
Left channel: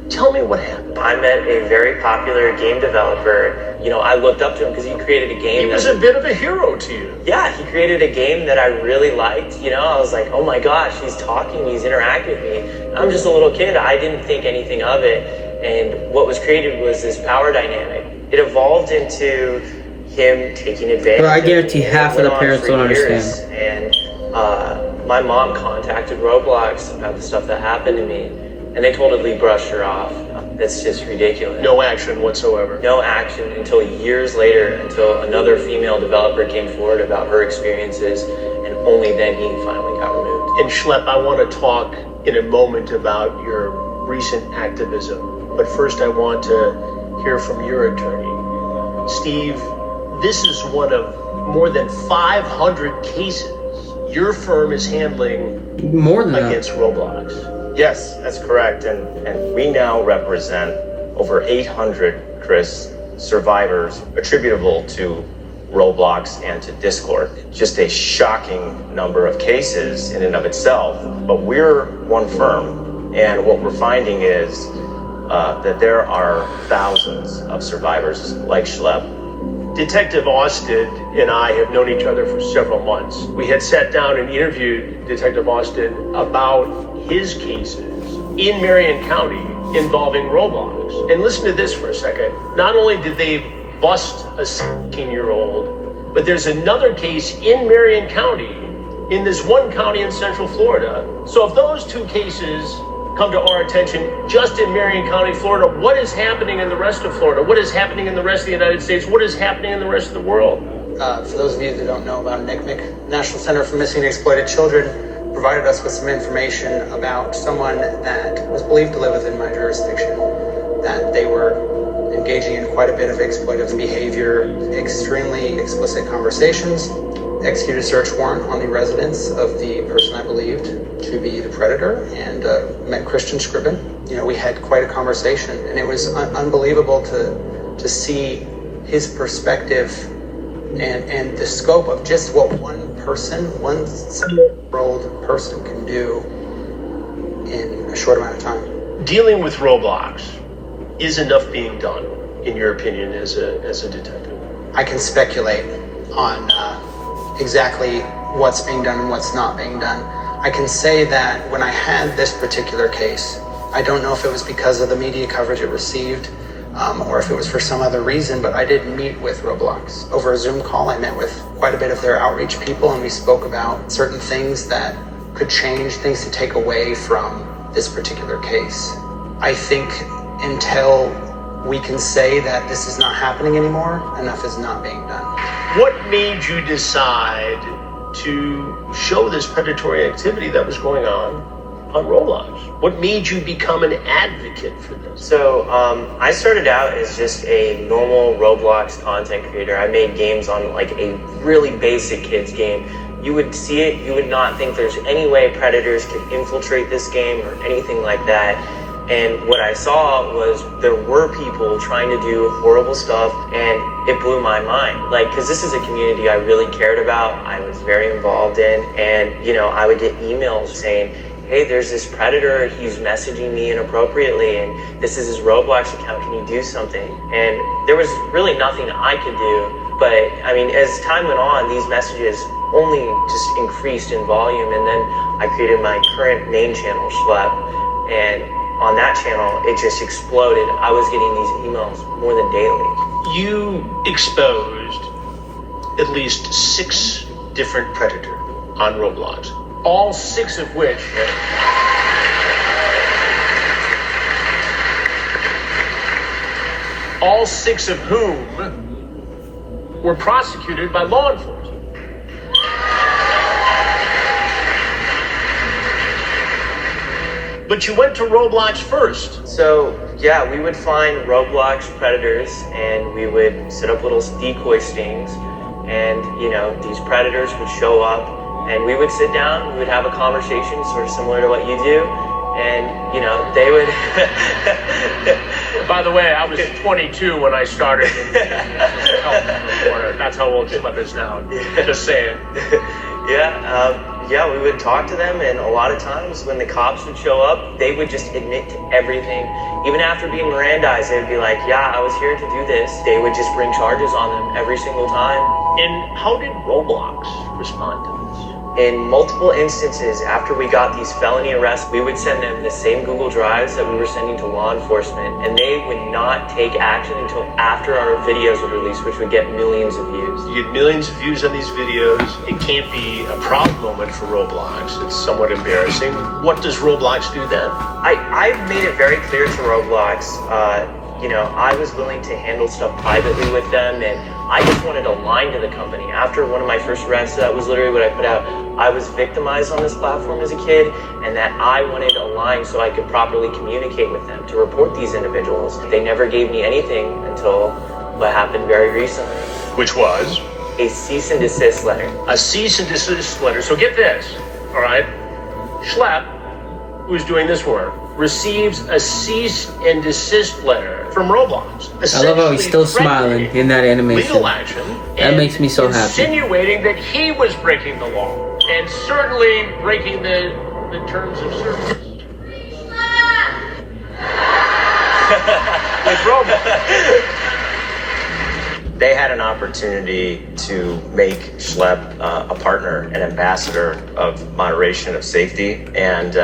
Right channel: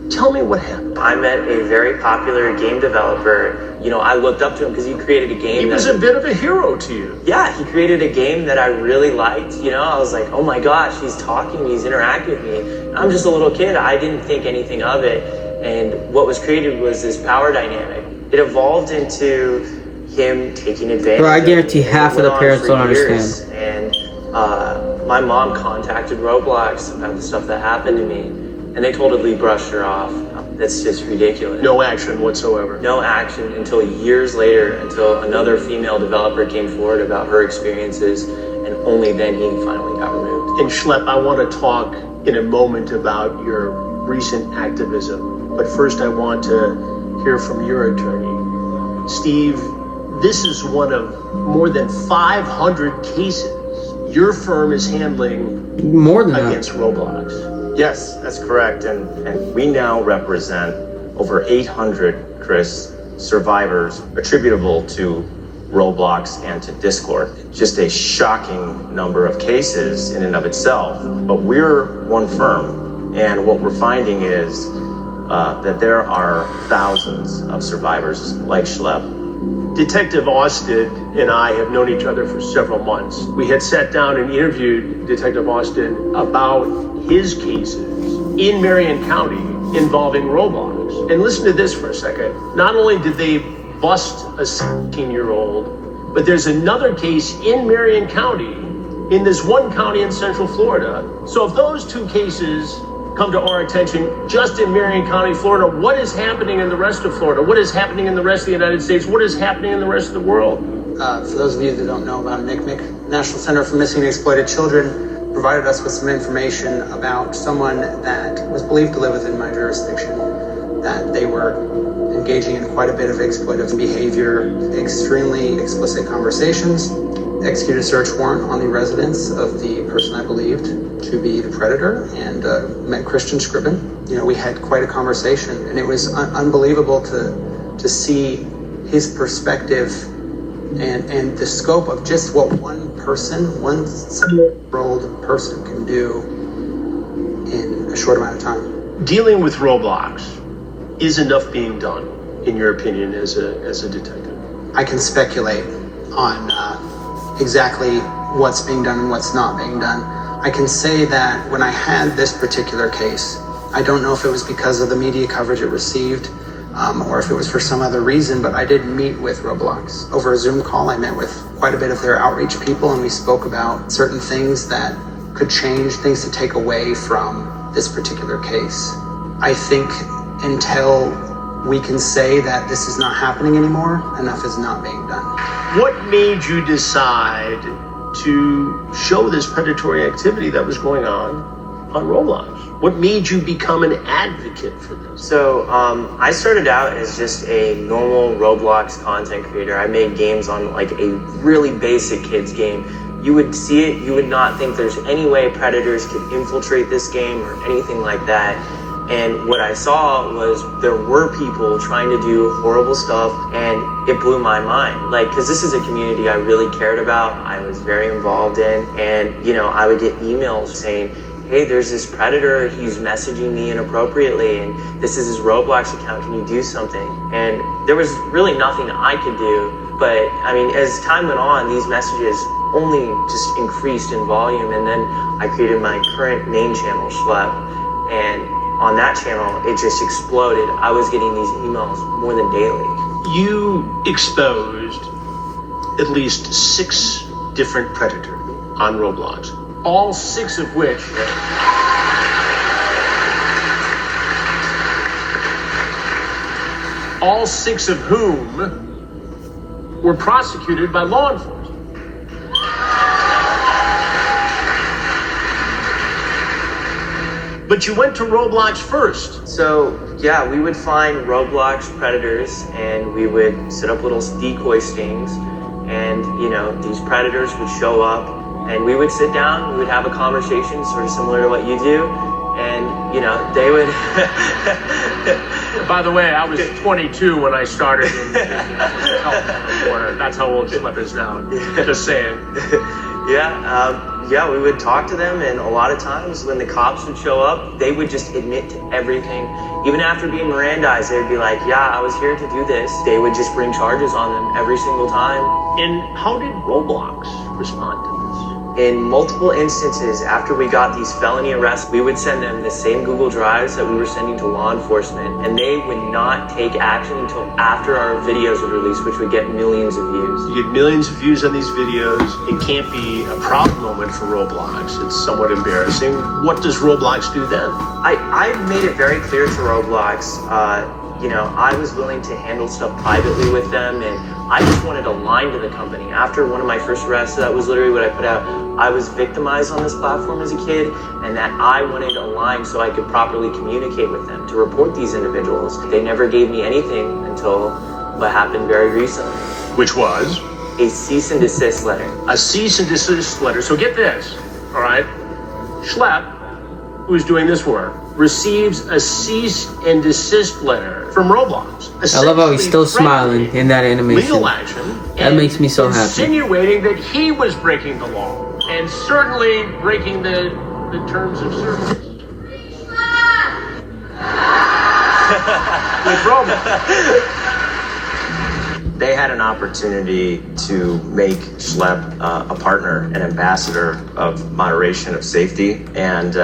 Tell me what happened. I met a very popular game developer. You know, I looked up to him because he created a game. He was a bit of a hero to you. Yeah, he created a game that I really liked. You know, I was like, oh my gosh, he's talking to me, he's interacting with me. I'm just a little kid. I didn't think anything of it. And what was created was this power dynamic. It evolved into him taking advantage. Bro, I guarantee half of the parents don't years. understand. And my mom contacted Roblox about the stuff that happened to me. And they totally brushed her off. That's just ridiculous. No action whatsoever. No action until years later, until another female developer came forward about her experiences, and only then he finally got removed. And Schlepp, I want to talk in a moment about your recent activism. But first I want to hear from your attorney. Steve, this is one of more than 500 cases your firm is handling more than against that. Roblox. Yes, that's correct. And we now represent over 800, Chris, survivors attributable to Roblox and to Discord. Just a shocking number of cases in and of itself. But we're one firm, and what we're finding is that there are thousands of survivors like Schlepp. Detective Austin and I have known each other for several months. We had sat down and interviewed Detective Austin about his cases in Marion County involving Roblox. And listen to this for a second. Not only did they bust a 16-year-old, but there's another case in Marion County, in this one county in Central Florida. So if those two cases come to our attention just in Marion County, Florida, what is happening in the rest of Florida? What is happening in the rest of the United States? What is happening in the rest of the world? For those of you that don't know about NCMEC, National Center for Missing and Exploited Children provided us with some information about someone that was believed to live within my jurisdiction, that they were engaging in quite a bit of exploitive behavior, extremely explicit conversations, executed a search warrant on the residence of the person I believed to be the predator, and met Christian Scriven. You know, we had quite a conversation, and it was unbelievable to see his perspective and the scope of just what one person, one 7-year-old person can do in a short amount of time. Dealing with Roblox, is enough being done, in your opinion, as a detective? I can speculate on exactly what's being done and what's not being done. I can say that when I had this particular case, I don't know if it was because of the media coverage it received, or if it was for some other reason, but I did meet with Roblox. Over a Zoom call, I met with quite a bit of their outreach people, and we spoke about certain things that could change, things to take away from this particular case. I think until we can say that this is not happening anymore, enough is not being done. What made you decide to show this predatory activity that was going on Roblox? What made you become an advocate for this? So I started out as just a normal Roblox content creator. I made games on like a really basic kids game. You would see it, you would not think there's any way predators could infiltrate this game or anything like that. And what I saw was there were people trying to do horrible stuff, and it blew my mind. Like, because this is a community I really cared about, I was very involved in, and, you know, I would get emails saying, hey, there's this predator, he's messaging me inappropriately, and this is his Roblox account, can you do something? And there was really nothing I could do, but, I mean, as time went on, these messages only just increased in volume, and then I created my current main channel, Schlepp, and on that channel, it just exploded. I was getting these emails more than daily. You exposed at least 6 different predators on Roblox, all 6 of which all 6 of whom were prosecuted by law enforcement. But you went to Roblox first. So, yeah, we would find Roblox predators, and we would set up little decoy stings, and, you know, these predators would show up, and we would sit down, we would have a conversation sort of similar to what you do, And, you know, they would... By the way, I was 22 when I started in that's how old Schlep is now. Just saying. Yeah, we would talk to them, and a lot of times when the cops would show up, they would just admit to everything. Even after being Mirandized, they would be like, yeah, I was here to do this. They would just bring charges on them every single time. And how did Roblox respond to this? In multiple instances, after we got these felony arrests, we would send them the same Google Drives that we were sending to law enforcement, and they would not take action until after our videos were released, which would get millions of views. You get millions of views on these videos. It can't be a proud moment for Roblox. It's somewhat embarrassing. What does Roblox do then? I made it very clear to Roblox, you know, I was willing to handle stuff privately with them, and I just wanted a line to the company. After one of my first arrests, that was literally what I put out. I was victimized on this platform as a kid, and that I wanted a line so I could properly communicate with them to report these individuals. They never gave me anything until what happened very recently. Which was? A cease and desist letter. A cease and desist letter. So get this, all right? Schlep, who's doing this work, receives a cease and desist letter from Roblox. I love how he's still smiling in that animation. Legal action. That makes me so happy. Insinuating that he was breaking the law and certainly breaking the terms of service. With Roblox. They had an opportunity to make Schlep a partner, an ambassador of moderation, of safety, and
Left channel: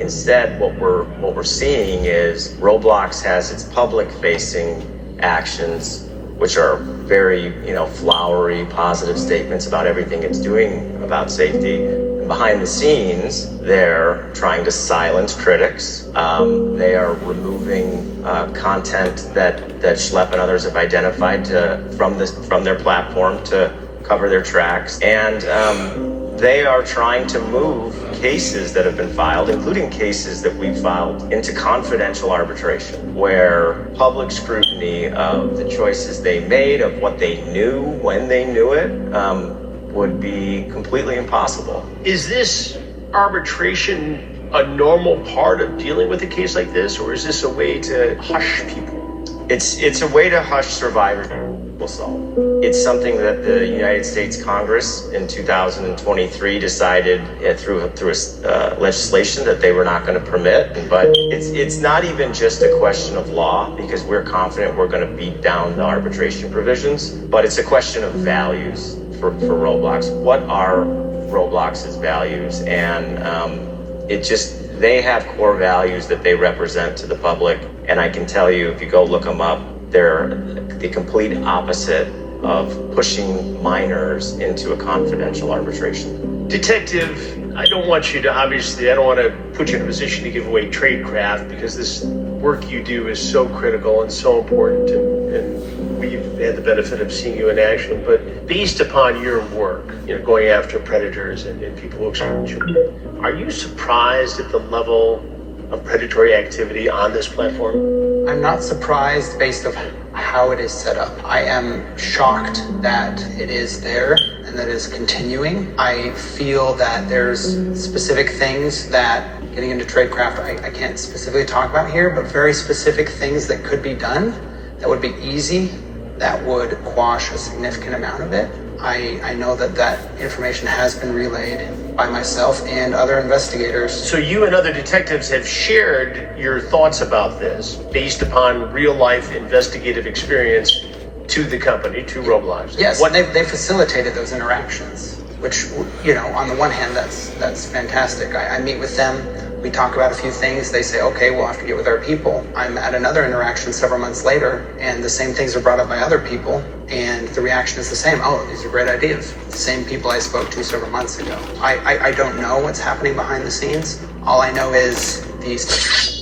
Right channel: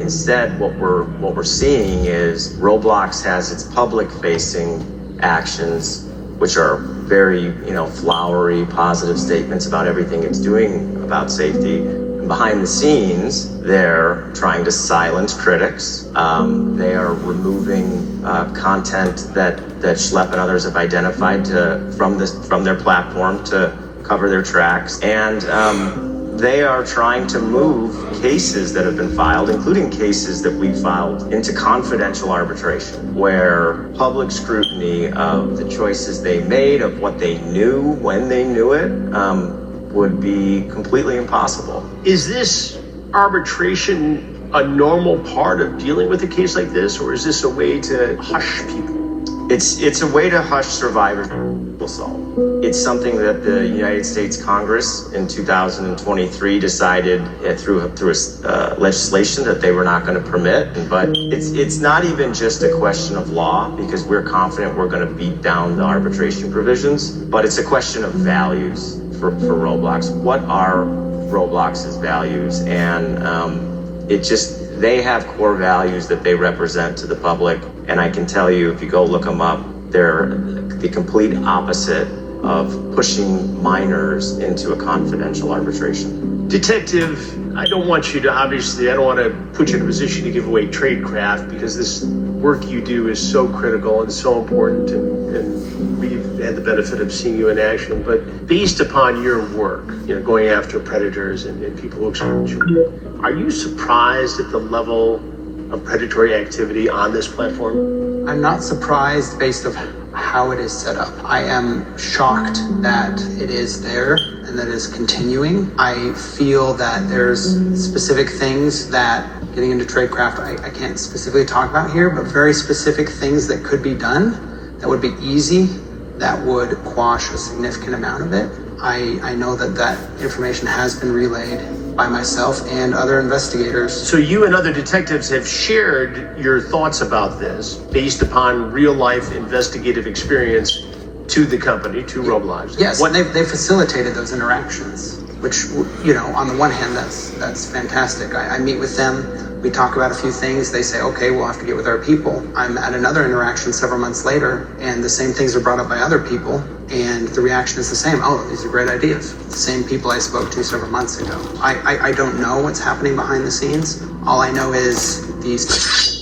instead, what we're seeing is Roblox has its public-facing actions, which are very, flowery, positive statements about everything it's doing about safety. And behind the scenes, they're trying to silence critics. They are removing content that Schlep and others have identified from their platform to cover their tracks. And they are trying to move cases that have been filed, including cases that we filed, into confidential arbitration, where public scrutiny of the choices they made, of what they knew, when they knew it, would be completely impossible. Is this arbitration a normal part of dealing with a case like this, or is this a way to hush people? It's a way to hush survivors. It's something that the United States Congress in 2023 decided through legislation that they were not going to permit. But it's not even just a question of law, because we're confident we're going to beat down the arbitration provisions, but it's a question of values for Roblox. What are Roblox's values? And they have core values that they represent to the public. And I can tell you, if you go look them up, they're the complete opposite of pushing minors into a confidential arbitration. Detective, I don't want to put you in a position to give away tradecraft, because this work you do is so critical and so important, and we've had the benefit of seeing you in action. But based upon your work, going after predators and people who exploit you, are you surprised at the level of predatory activity on this platform? I'm not surprised based on how it is set up. I am shocked that it is there and that it is continuing. I feel that there's specific things that, getting into tradecraft, I can't specifically talk about here, but very specific things that could be done that would be easy, that would quash a significant amount of it. I know that information has been relayed by myself and other investigators. So you and other detectives have shared your thoughts about this based upon real-life investigative experience to the company, to Roblox. Yes, they facilitated those interactions, which, on the one hand, that's fantastic. I meet with them. We talk about a few things. They say, okay, we'll have to get with our people. I'm at another interaction several months later, and the same things are brought up by other people, and the reaction is the same. Oh, these are great ideas. The same people I spoke to several months ago. I don't know what's happening behind the scenes. All I know is these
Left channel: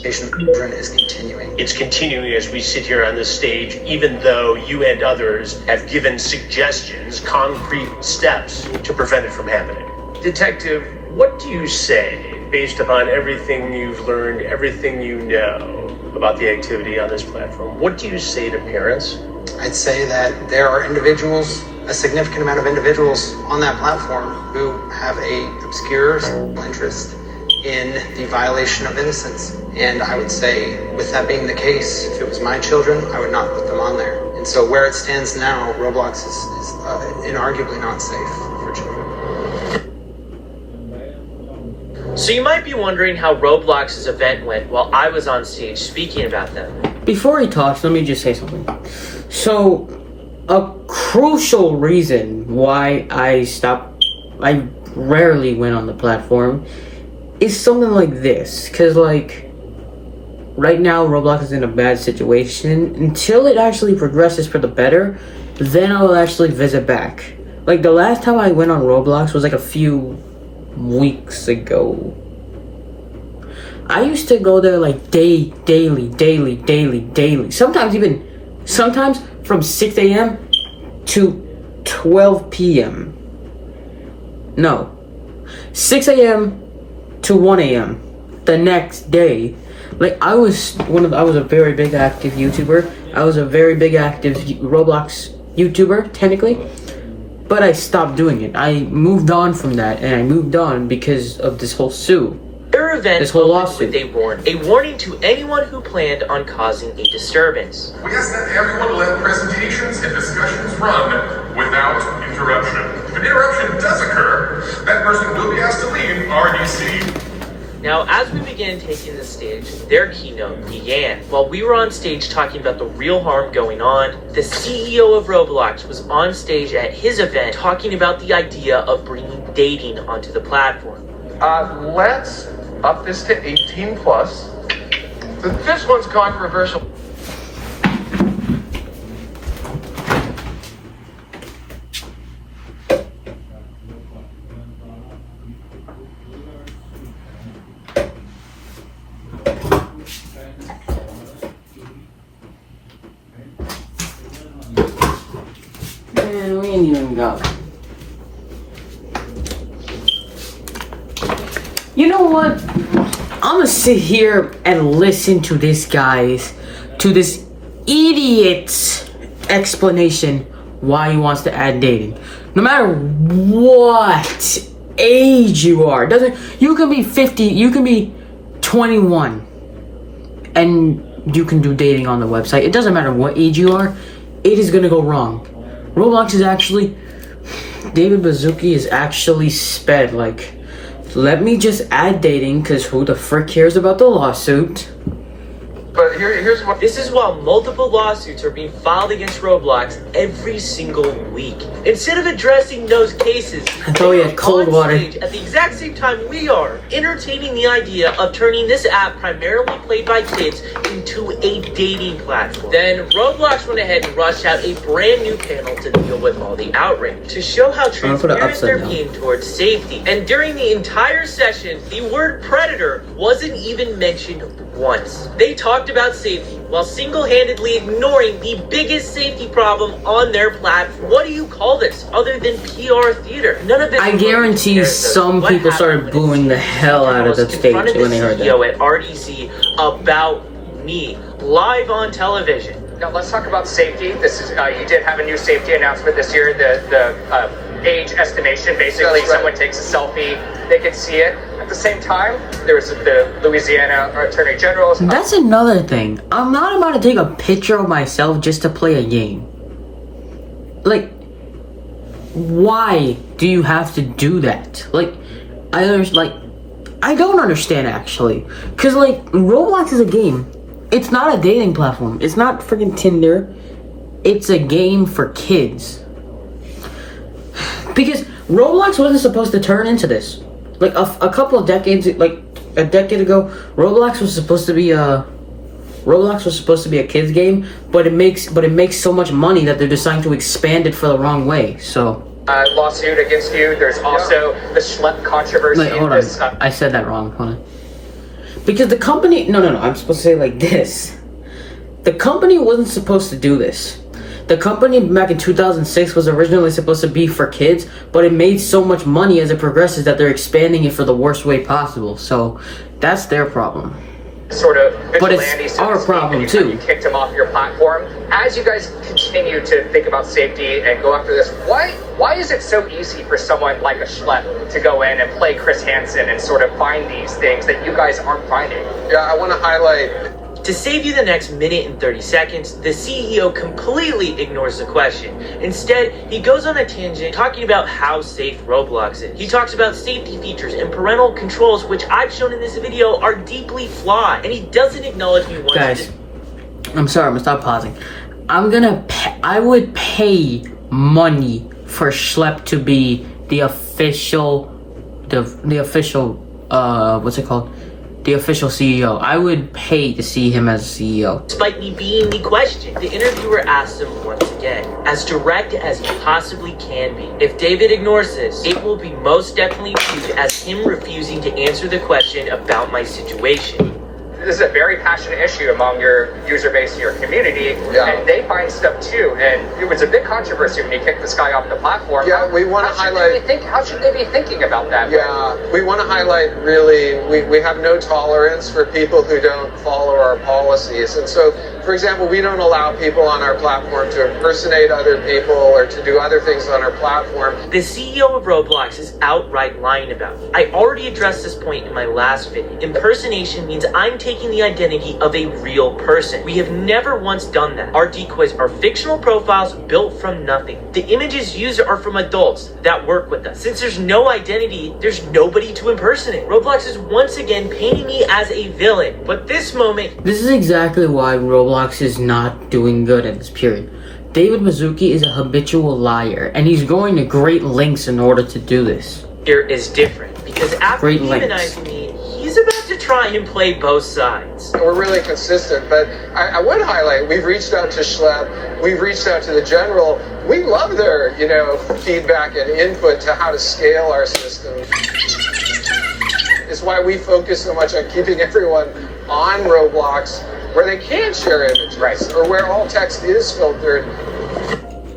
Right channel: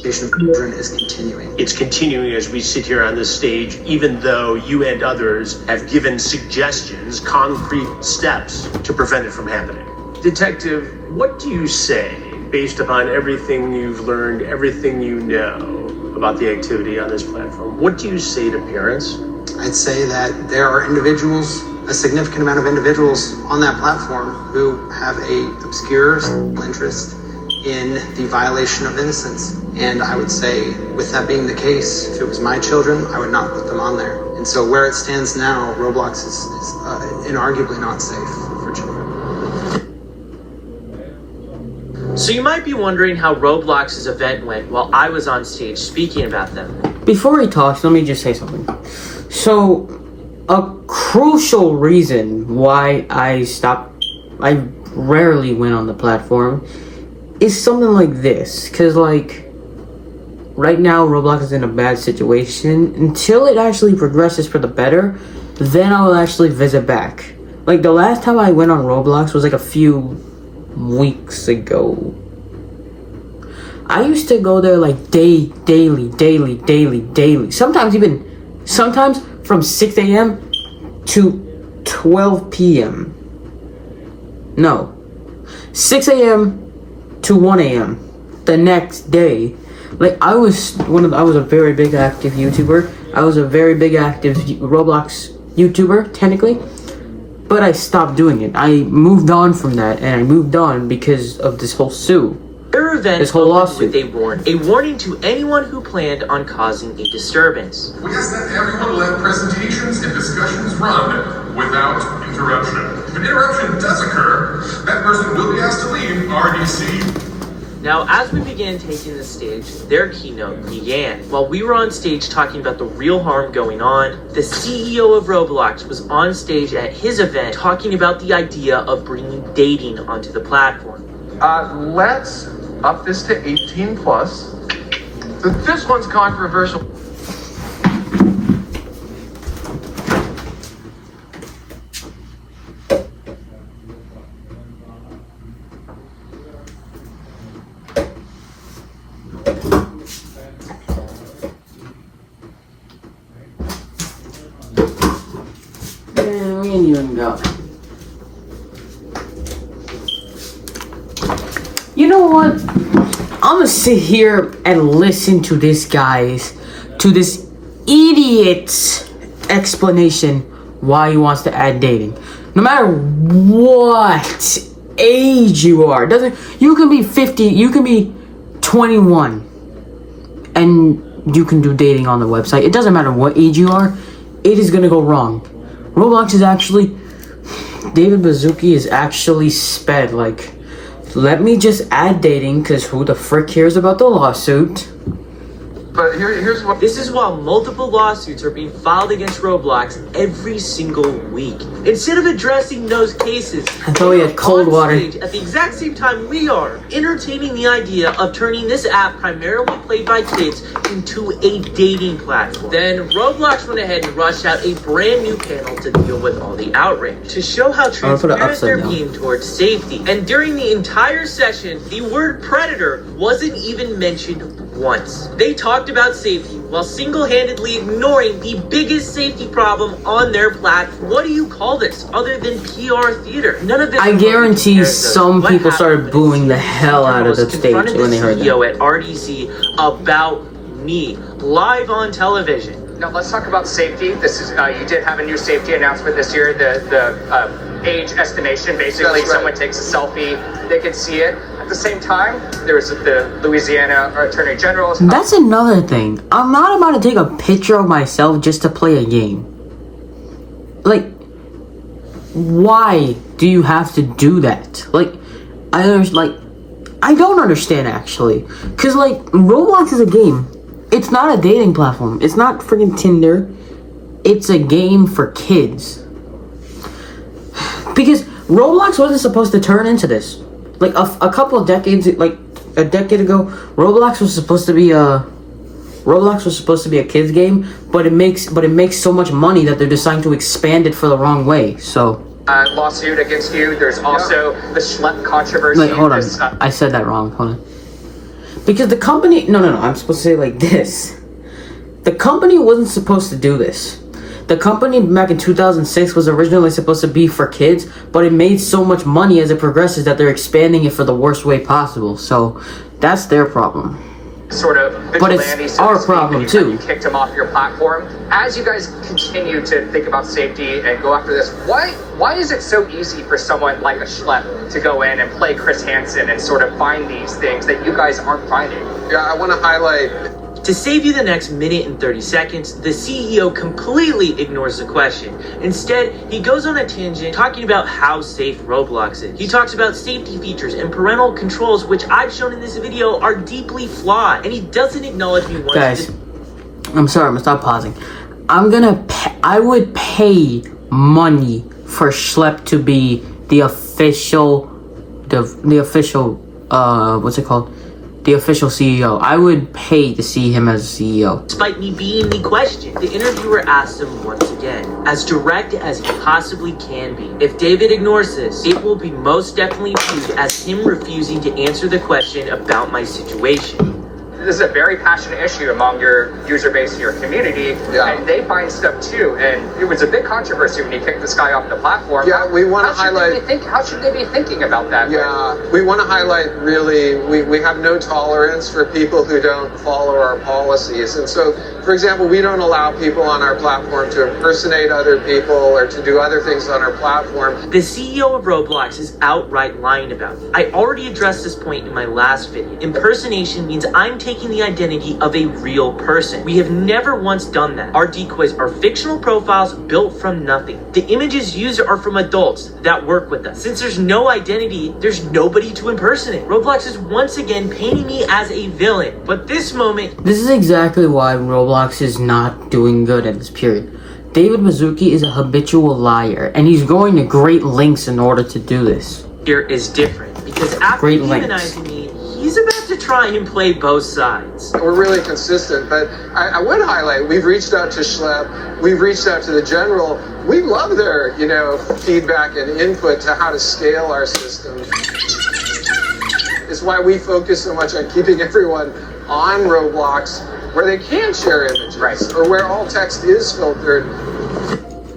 children is continuing. It's continuing as we sit here on this stage, even though you and others have given suggestions, concrete steps to prevent it from happening. Detective, what do you say, based upon everything you've learned, everything you know about the activity on this platform? What do you say to parents? I'd say that there are individuals, a significant amount of individuals on that platform who have a obscure interest in the violation of innocence. And I would say, with that being the case, if it was my children, I would not put them on there. And so where it stands now, Roblox is inarguably not safe for children. So you might be wondering how Roblox's event went while I was on stage speaking about them. Before he talks, let me just say something. So, a crucial reason why I rarely went on the platform is something like this. Because, like, right now, Roblox is in a bad situation. Until it actually progresses for the better, then I will actually visit back. Like, the last time I went on Roblox was like a few weeks ago. I used to go there like daily. Sometimes from 6 a.m. to 12 p.m. No. 6 a.m. to 1 a.m. the next day. Like, I was a very big active YouTuber. I was a very big active Roblox YouTuber, technically. But I stopped doing it. I moved on from that, and I moved on because of this whole Their event this whole lawsuit. With a warning to anyone who planned on causing a disturbance. We ask that everyone let presentations and discussions run without interruption. If an interruption does occur, that person will be asked to leave RDC. Now, as we began taking the stage, their keynote began. While we were on stage talking about the real harm going on, the CEO of Roblox was on stage at his event talking about the idea of bringing dating onto the platform. Let's up this to 18 plus. This one's controversial. Man, we ain't even got. You know what? I'm gonna sit here and listen to this idiot's explanation why he wants to add dating. No matter what age you are, you can be 50, you can be 21, and you can do dating on the website. It doesn't matter what age you are, it is gonna go wrong. Roblox is actually, David Baszucki is actually sped, like, let me just add dating, because who the frick cares about the lawsuit? But here's what. This is while multiple lawsuits are being filed against Roblox every single week. Instead of addressing those cases, I thought we had cold water. At the exact same time we are entertaining the idea of turning this app primarily played by kids into a dating platform. Then Roblox went ahead and rushed out a brand new panel to deal with all the outrage, to show how transparent they're being towards safety. And during the entire session, the word predator wasn't even mentioned once. They talked about safety while single-handedly ignoring the biggest safety problem on their platform. What do you call this other than PR theater? None of it. I guarantee some people started booing the hell out of the stage when they heard that. At RDC about me live on television. Now let's talk about safety. This is you did have a new safety announcement this year. The age estimation. Basically, someone takes a selfie, they can see it. At the same time, there's the Louisiana Attorney General. That's another thing. I'm not about to take a picture of myself just to play a game. Like, why do you have to do that? Like, I don't understand actually. Cause like, Roblox is a game. It's not a dating platform. It's not freaking Tinder. It's a game for kids. Because Roblox wasn't supposed to turn into this. Like a couple of decades, like a decade ago, Roblox was supposed to be a kids game, but it makes so much money that they're deciding to expand it for the wrong way. So lawsuit against you. There's also the Schlep controversy. Wait, hold on. I said that wrong. Hold on. Because the company, no, I'm supposed to say it like this. The company wasn't supposed to do this. The company back in 2006 was originally supposed to be for kids, but it made so much money as it progresses that they're expanding it for the worst way possible. So that's their problem. sort of But it's vigilante, so our to speak, problem, anytime too. You kicked him off your platform. As you guys continue to think about safety and go after this, why is it so easy for someone like a Schlepp to go in and play Chris Hansen and sort of find these things that you guys aren't finding? Yeah, I want to highlight. To save you the next minute and 30 seconds, the CEO completely ignores the question. Instead, he goes on a tangent talking about how safe Roblox is. He talks about safety features and parental controls, which I've shown in this video are deeply flawed, and he doesn't acknowledge me once. Guys, I'm sorry, I'm gonna stop pausing. I would pay money for Schlepp to be the official, what's it called? The official CEO. I would pay to see him as CEO. Despite me being the question, the interviewer asked him once again, as direct as he possibly can be. If David ignores this, it will be most definitely viewed as him refusing to answer the question about my situation. This is a very passionate issue among your user base and your community, and they find stuff too. And it was a big controversy when you kicked this guy off the platform. Yeah, we want to highlight. How should they be thinking about that? Yeah, we want to highlight really. We have no tolerance for people who don't follow our policies, and so, for example, we don't allow people on our platform to impersonate other people or to do other things on our platform. The CEO of Roblox is outright lying about me. I already addressed this point in my last video. Impersonation means I'm taking the identity of a real person. We have never once done that. Our decoys are fictional profiles built from nothing. The images used are from adults that work with us. Since there's no identity, there's nobody to impersonate. Roblox is once again painting me as a villain. But this moment... This is exactly why Roblox is not doing good in this period. David Mizuki is a habitual liar, and he's going to great lengths in order to do this. Here is different, because after demonizing me, he's about to try and play both sides. We're really consistent, but I would highlight, we've reached out to Schlepp, we've reached out to the general. We love their, feedback and input to how to scale our system. It's why we focus so much on keeping everyone on Roblox where they can share images, or where all text is filtered.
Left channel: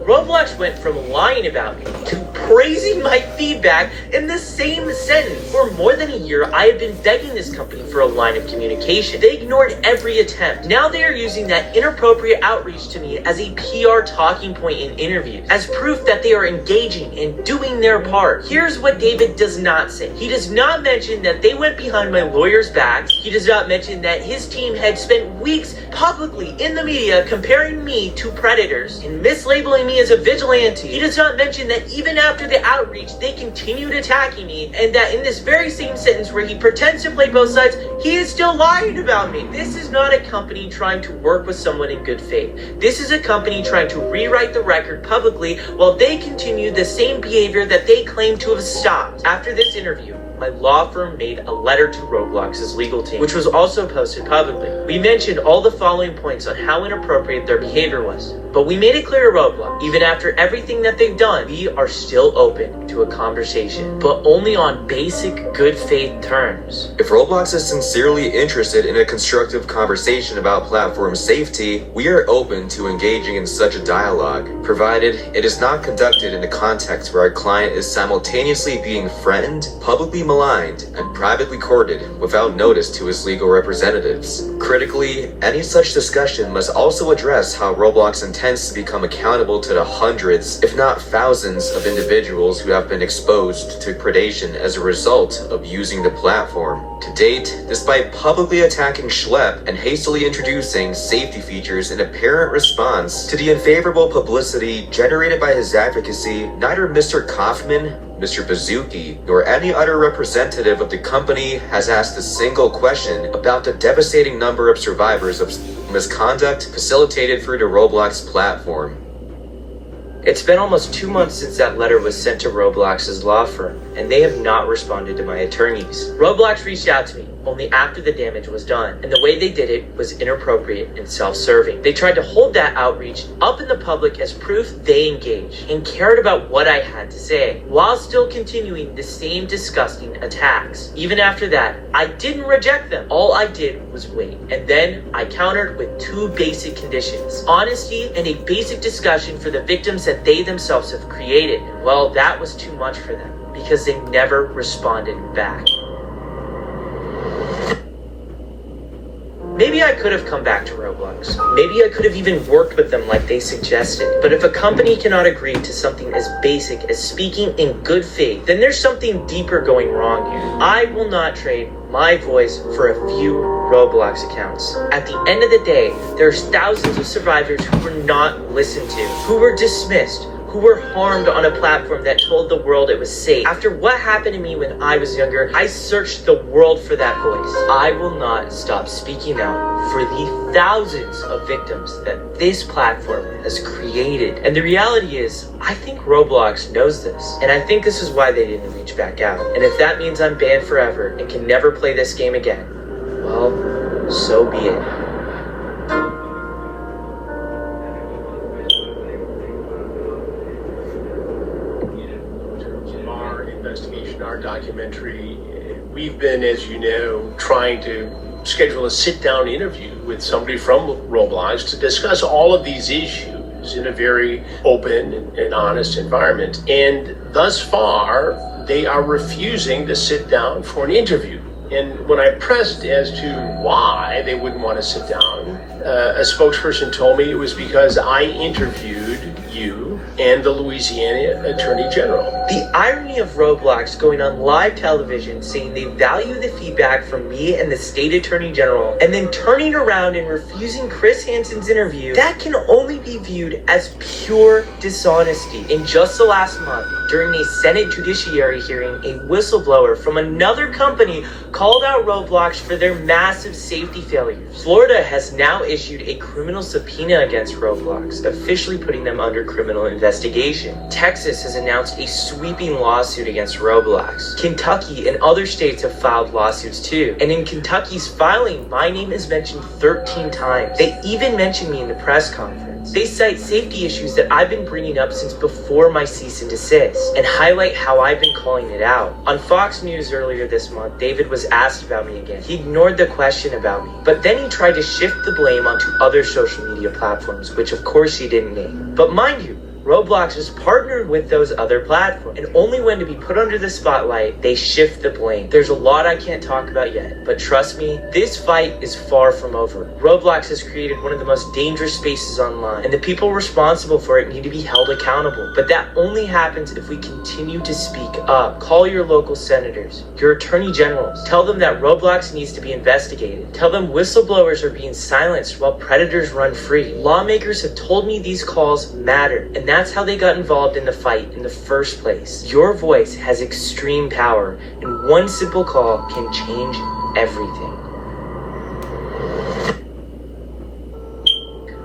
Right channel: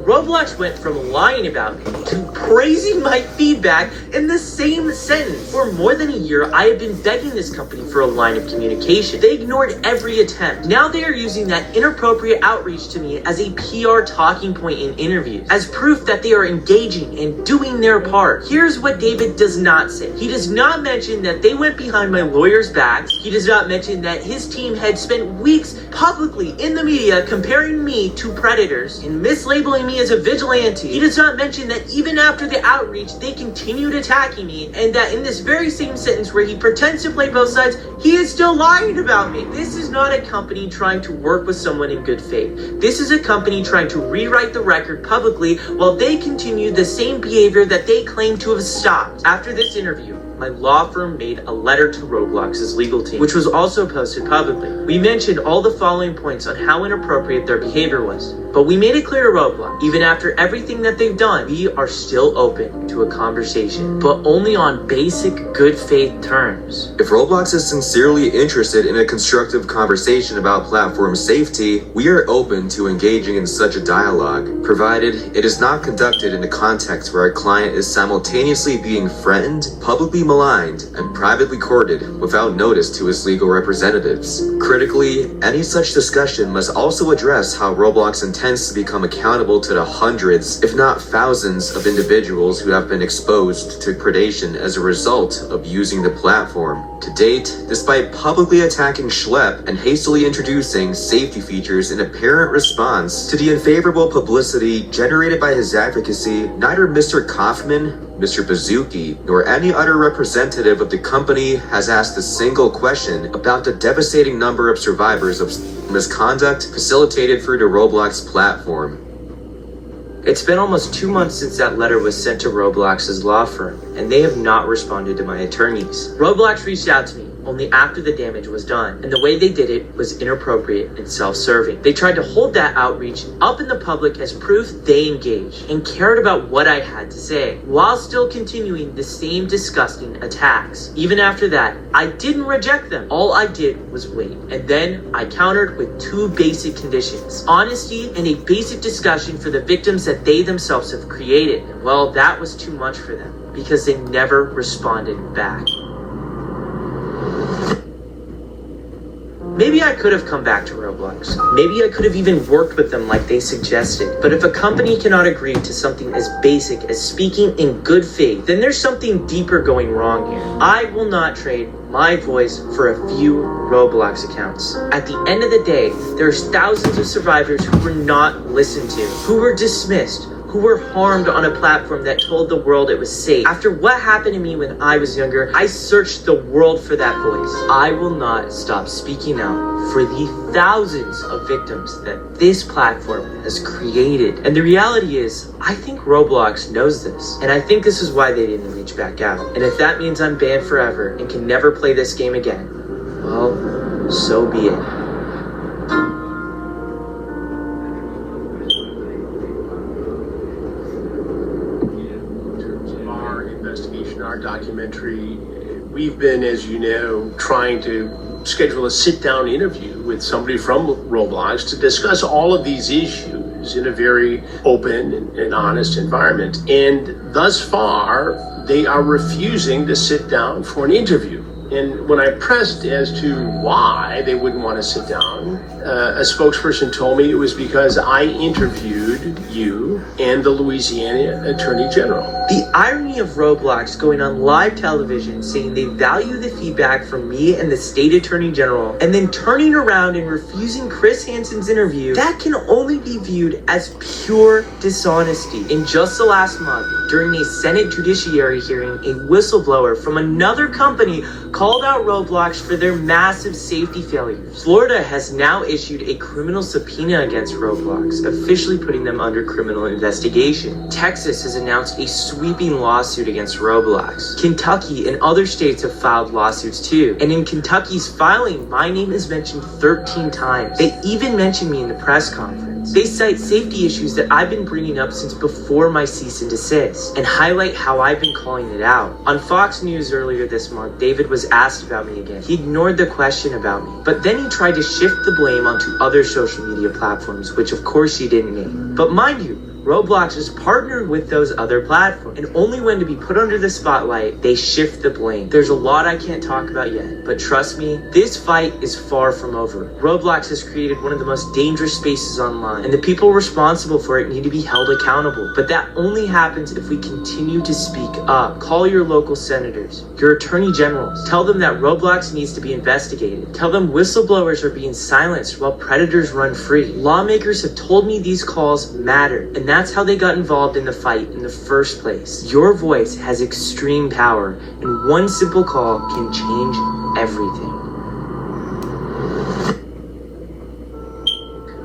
Roblox went from lying about me to praising my feedback in the same sentence. For more than a year, I have been begging this company for a line of communication. They ignored every attempt. Now they are using that inappropriate outreach to me as a PR talking point in interviews, as proof that they are engaging and doing their part. Here's what David does not say. He does not mention that they went behind my lawyer's backs. He does not mention that his team had spent weeks publicly in the media comparing me to predators and mislabeling me as a vigilante. He does not mention that even after the outreach, they continued attacking me, and that in this very same sentence where he pretends to play both sides, he is still lying about me. This is not a company trying to work with someone in good faith. This is a company trying to rewrite the record publicly while they continue the same behavior that they claim to have stopped. After this interview, my law firm made a letter to Roblox's legal team, which was also posted publicly. We mentioned all the following points on how inappropriate their behavior was, but we made it clear to Roblox, even after everything that they've done, we are still open to a conversation, but only on basic good faith terms. If Roblox is sincerely interested in a constructive conversation about platform safety, we are open to engaging in such a dialogue, provided it is not conducted in a context where our client is simultaneously being threatened, publicly maligned, and privately courted without notice to his legal representatives. Critically, any such discussion must also address how Roblox intends to become accountable to the hundreds, if not thousands, of individuals who have been exposed to predation as a result of using the platform. To date, despite publicly attacking Schlepp and hastily introducing safety features in apparent response to the unfavorable publicity generated by his advocacy, neither Mr. Kaufman, Mr. Mizuki, nor any other representative of the company has asked a single question about the devastating number of survivors of misconduct facilitated through the Roblox platform. It's been almost 2 months since that letter was sent to Roblox's law firm, and they have not responded to my attorneys. Roblox reached out to me only after the damage was done, and the way they did it was inappropriate and self-serving. They tried to hold that outreach up in the public as proof they engaged and cared about what I had to say, while still continuing the same disgusting attacks. Even after that, I didn't reject them. All I did was wait, and then I countered with 2 basic conditions: honesty and a basic discussion for the victims that they themselves have created. And well, that was too much for them, because they never responded back. Maybe I could have come back to Roblox. Maybe I could have even worked with them like they suggested. But if a company cannot agree to something as basic as speaking in good faith, then there's something deeper going wrong here. I will not trade my voice for a few Roblox accounts. At the end of the day, there's thousands of survivors who were not listened to, who were dismissed, who were harmed on a platform that told the world it was safe. After what happened to me when I was younger, I searched the world for that voice. I will not stop speaking out for the thousands of victims that this platform has created. And the reality is, I think Roblox knows this. And I think this is why they didn't reach back out. And if that means I'm banned forever and can never play this game again, well, so be it. Our documentary, we've been, as you know, trying to schedule a sit-down interview with somebody from Roblox to discuss all of these issues in a very open and honest environment. And thus far, they are refusing to sit down for an interview. And when I pressed as to why they wouldn't want to sit down, a spokesperson told me it was because I interviewed you and the Louisiana Attorney General. The irony of Roblox going on live television saying they value the feedback from me and the state attorney general, and then turning around and refusing Chris Hansen's interview, that can only be viewed as pure dishonesty. In just the last month, during a Senate Judiciary hearing, a whistleblower from another company called out Roblox for their massive safety failures. Florida has now issued a criminal subpoena against Roblox, officially putting them under criminal investigation. Texas has announced a sweeping lawsuit against Roblox. Kentucky and other states have filed lawsuits too. And in Kentucky's filing, my name is mentioned 13 times. They even mentioned me in the press conference. They cite safety issues that I've been bringing up since before my cease and desist, and highlight how I've been calling it out. On Fox News earlier this month, David was asked about me again. He ignored the question about me, but then he tried to shift the blame onto other social media platforms, which of course he didn't name. But mind you, Roblox is partnered with those other platforms, and only when to be put under the spotlight, they shift the blame. There's a lot I can't talk about yet, but trust me, this fight is far from over. Roblox has created one of the most dangerous spaces online, and the people responsible for it need to be held accountable. But that only happens if we continue to speak up. Call your local senators, your attorney generals. Tell them that Roblox needs to be investigated. Tell them whistleblowers are being silenced while predators run free. Lawmakers have told me these calls matter, and that's how they got involved in the fight in the first place. Your voice has extreme power, and one simple call can change everything.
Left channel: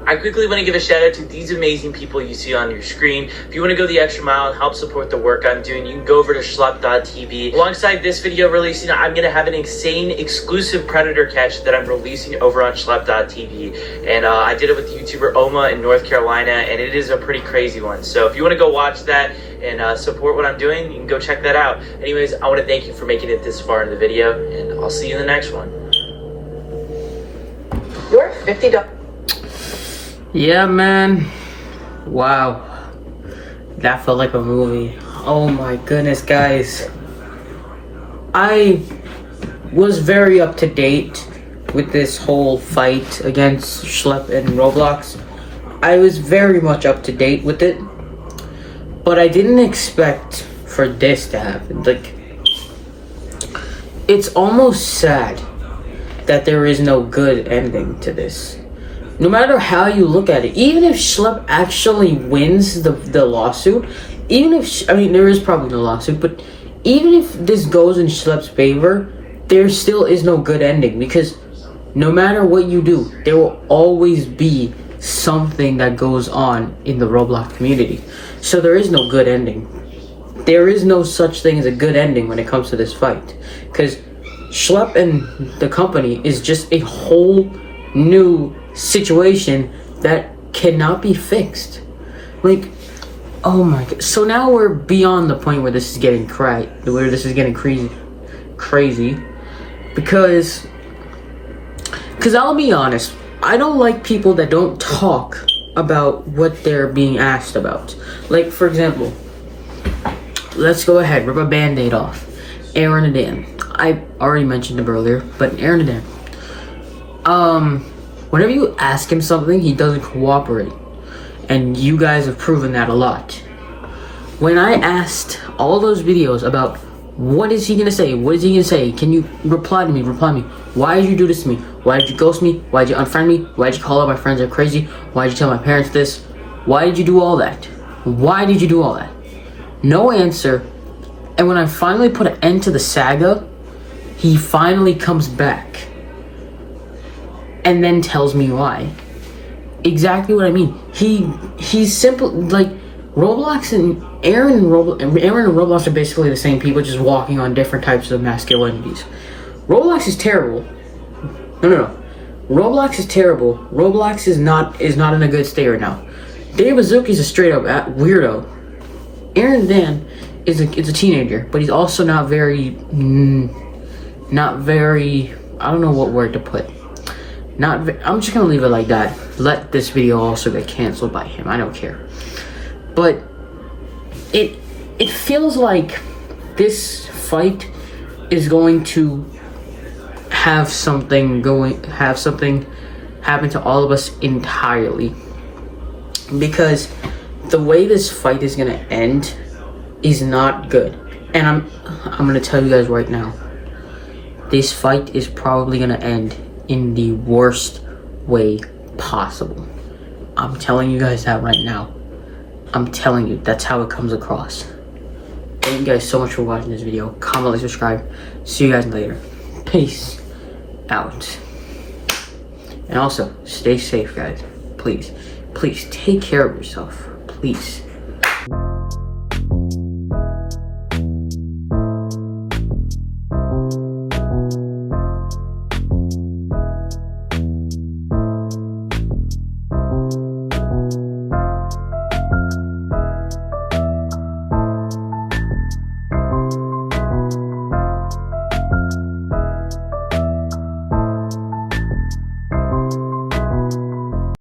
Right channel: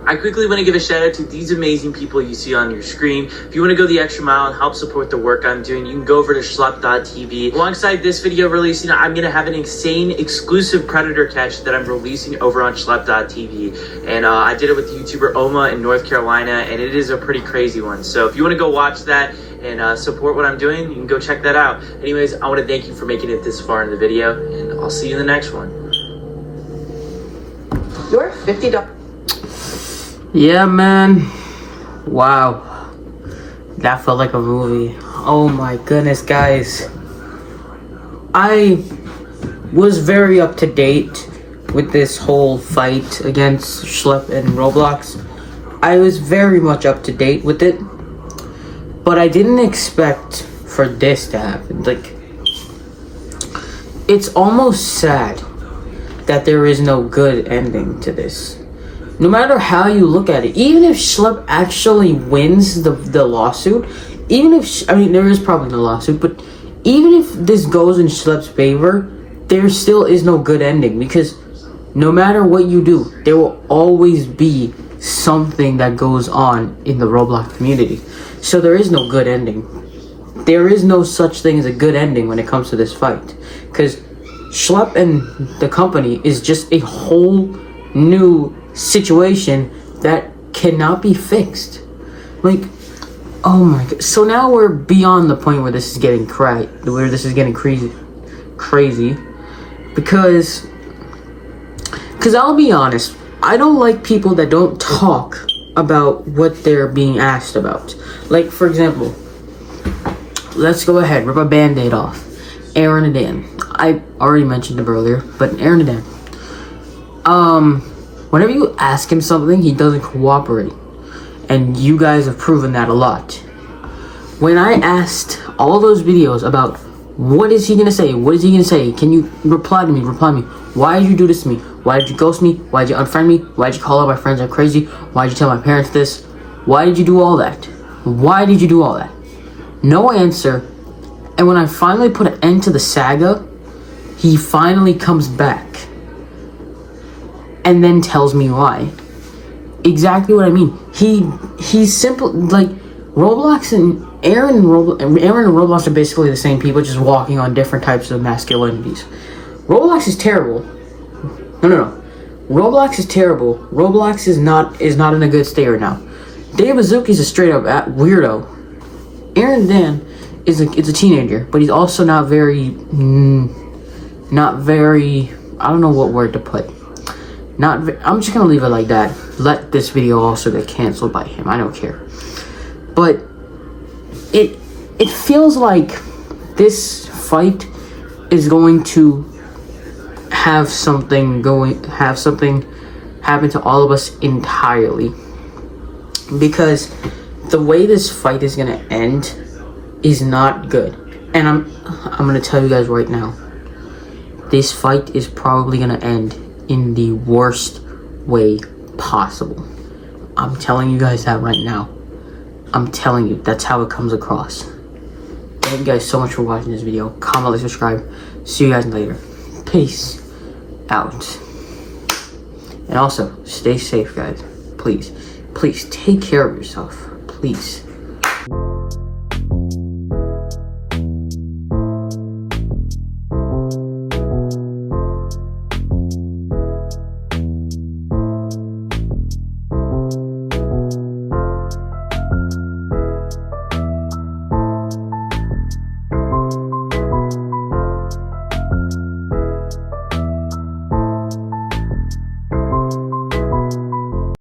I quickly want to give a shout out to these amazing people you see on your screen. If you want to go the extra mile and help support the work I'm doing, you can go over to schlepp.tv. Alongside this video releasing, I'm going to have an insane exclusive Predator catch that I'm releasing over on schlepp.tv. And I did it with YouTuber Oma in North Carolina, and it is a pretty crazy one. So if you want to go watch that and support what I'm doing, you can go check that out. Anyways, I want to thank you for making it this far in the video, and I'll see you in the next one. Your $50. Yeah, man. Wow. That felt like a movie. Oh my goodness, guys. I was very up to date with this whole fight against Schlepp and Roblox. I was very much up to date with it. But I didn't expect for this to happen. Like, it's almost sad that there is no good ending to this. No matter how you look at it, even if Schlepp actually wins the lawsuit, even if, I mean, there is probably no lawsuit, but even if this goes in Schlepp's favor, there still is no good ending, because no matter what you do, there will always be something that goes on in the Roblox community. So there is no good ending. There is no such thing as a good ending when it comes to this fight, because Schlepp and the company is just a whole new situation that cannot be fixed. Like, oh my god. So now we're beyond the point where this is getting crazy because I'll be honest, I don't like people that don't talk about what they're being asked about. Like, for example, let's go ahead, rip a band-aid off. Aaron and Dan. I already mentioned him earlier, but Aaron and Dan. whenever you ask him something, he doesn't cooperate. And you guys have proven that a lot. When I asked all those videos about what is he gonna say, can you reply to me, why did you do this to me, why did you ghost me, why did you unfriend me, why did you call all my friends are crazy, why did you tell my parents this, why did you do all that, no answer. And when I finally put an end to the saga, he finally comes back and then tells me why. Exactly what I mean. He's simple. Like, Roblox and Aaron and Roblox are basically the same people, just walking on different types of masculinities. Roblox is terrible. No. Roblox is terrible. Roblox is not in a good state right now. Dave Azuki's a straight up weirdo. Aaron Dan is a teenager, but he's also not very. I don't know what word to put. I'm just gonna leave it like that. Let this video also get canceled by him. I don't care. But it feels like this fight is going to have something happen to all of us entirely, because the way this fight is gonna end is not good. And I'm gonna tell you guys right now, this fight is probably gonna end in the worst way possible. I'm telling you guys that right now. I'm telling you, that's how it comes across. Thank you guys so much for watching this video. Comment, like, subscribe. See you guys later. Peace out. And also, stay safe, guys. Please take care of yourself. Please.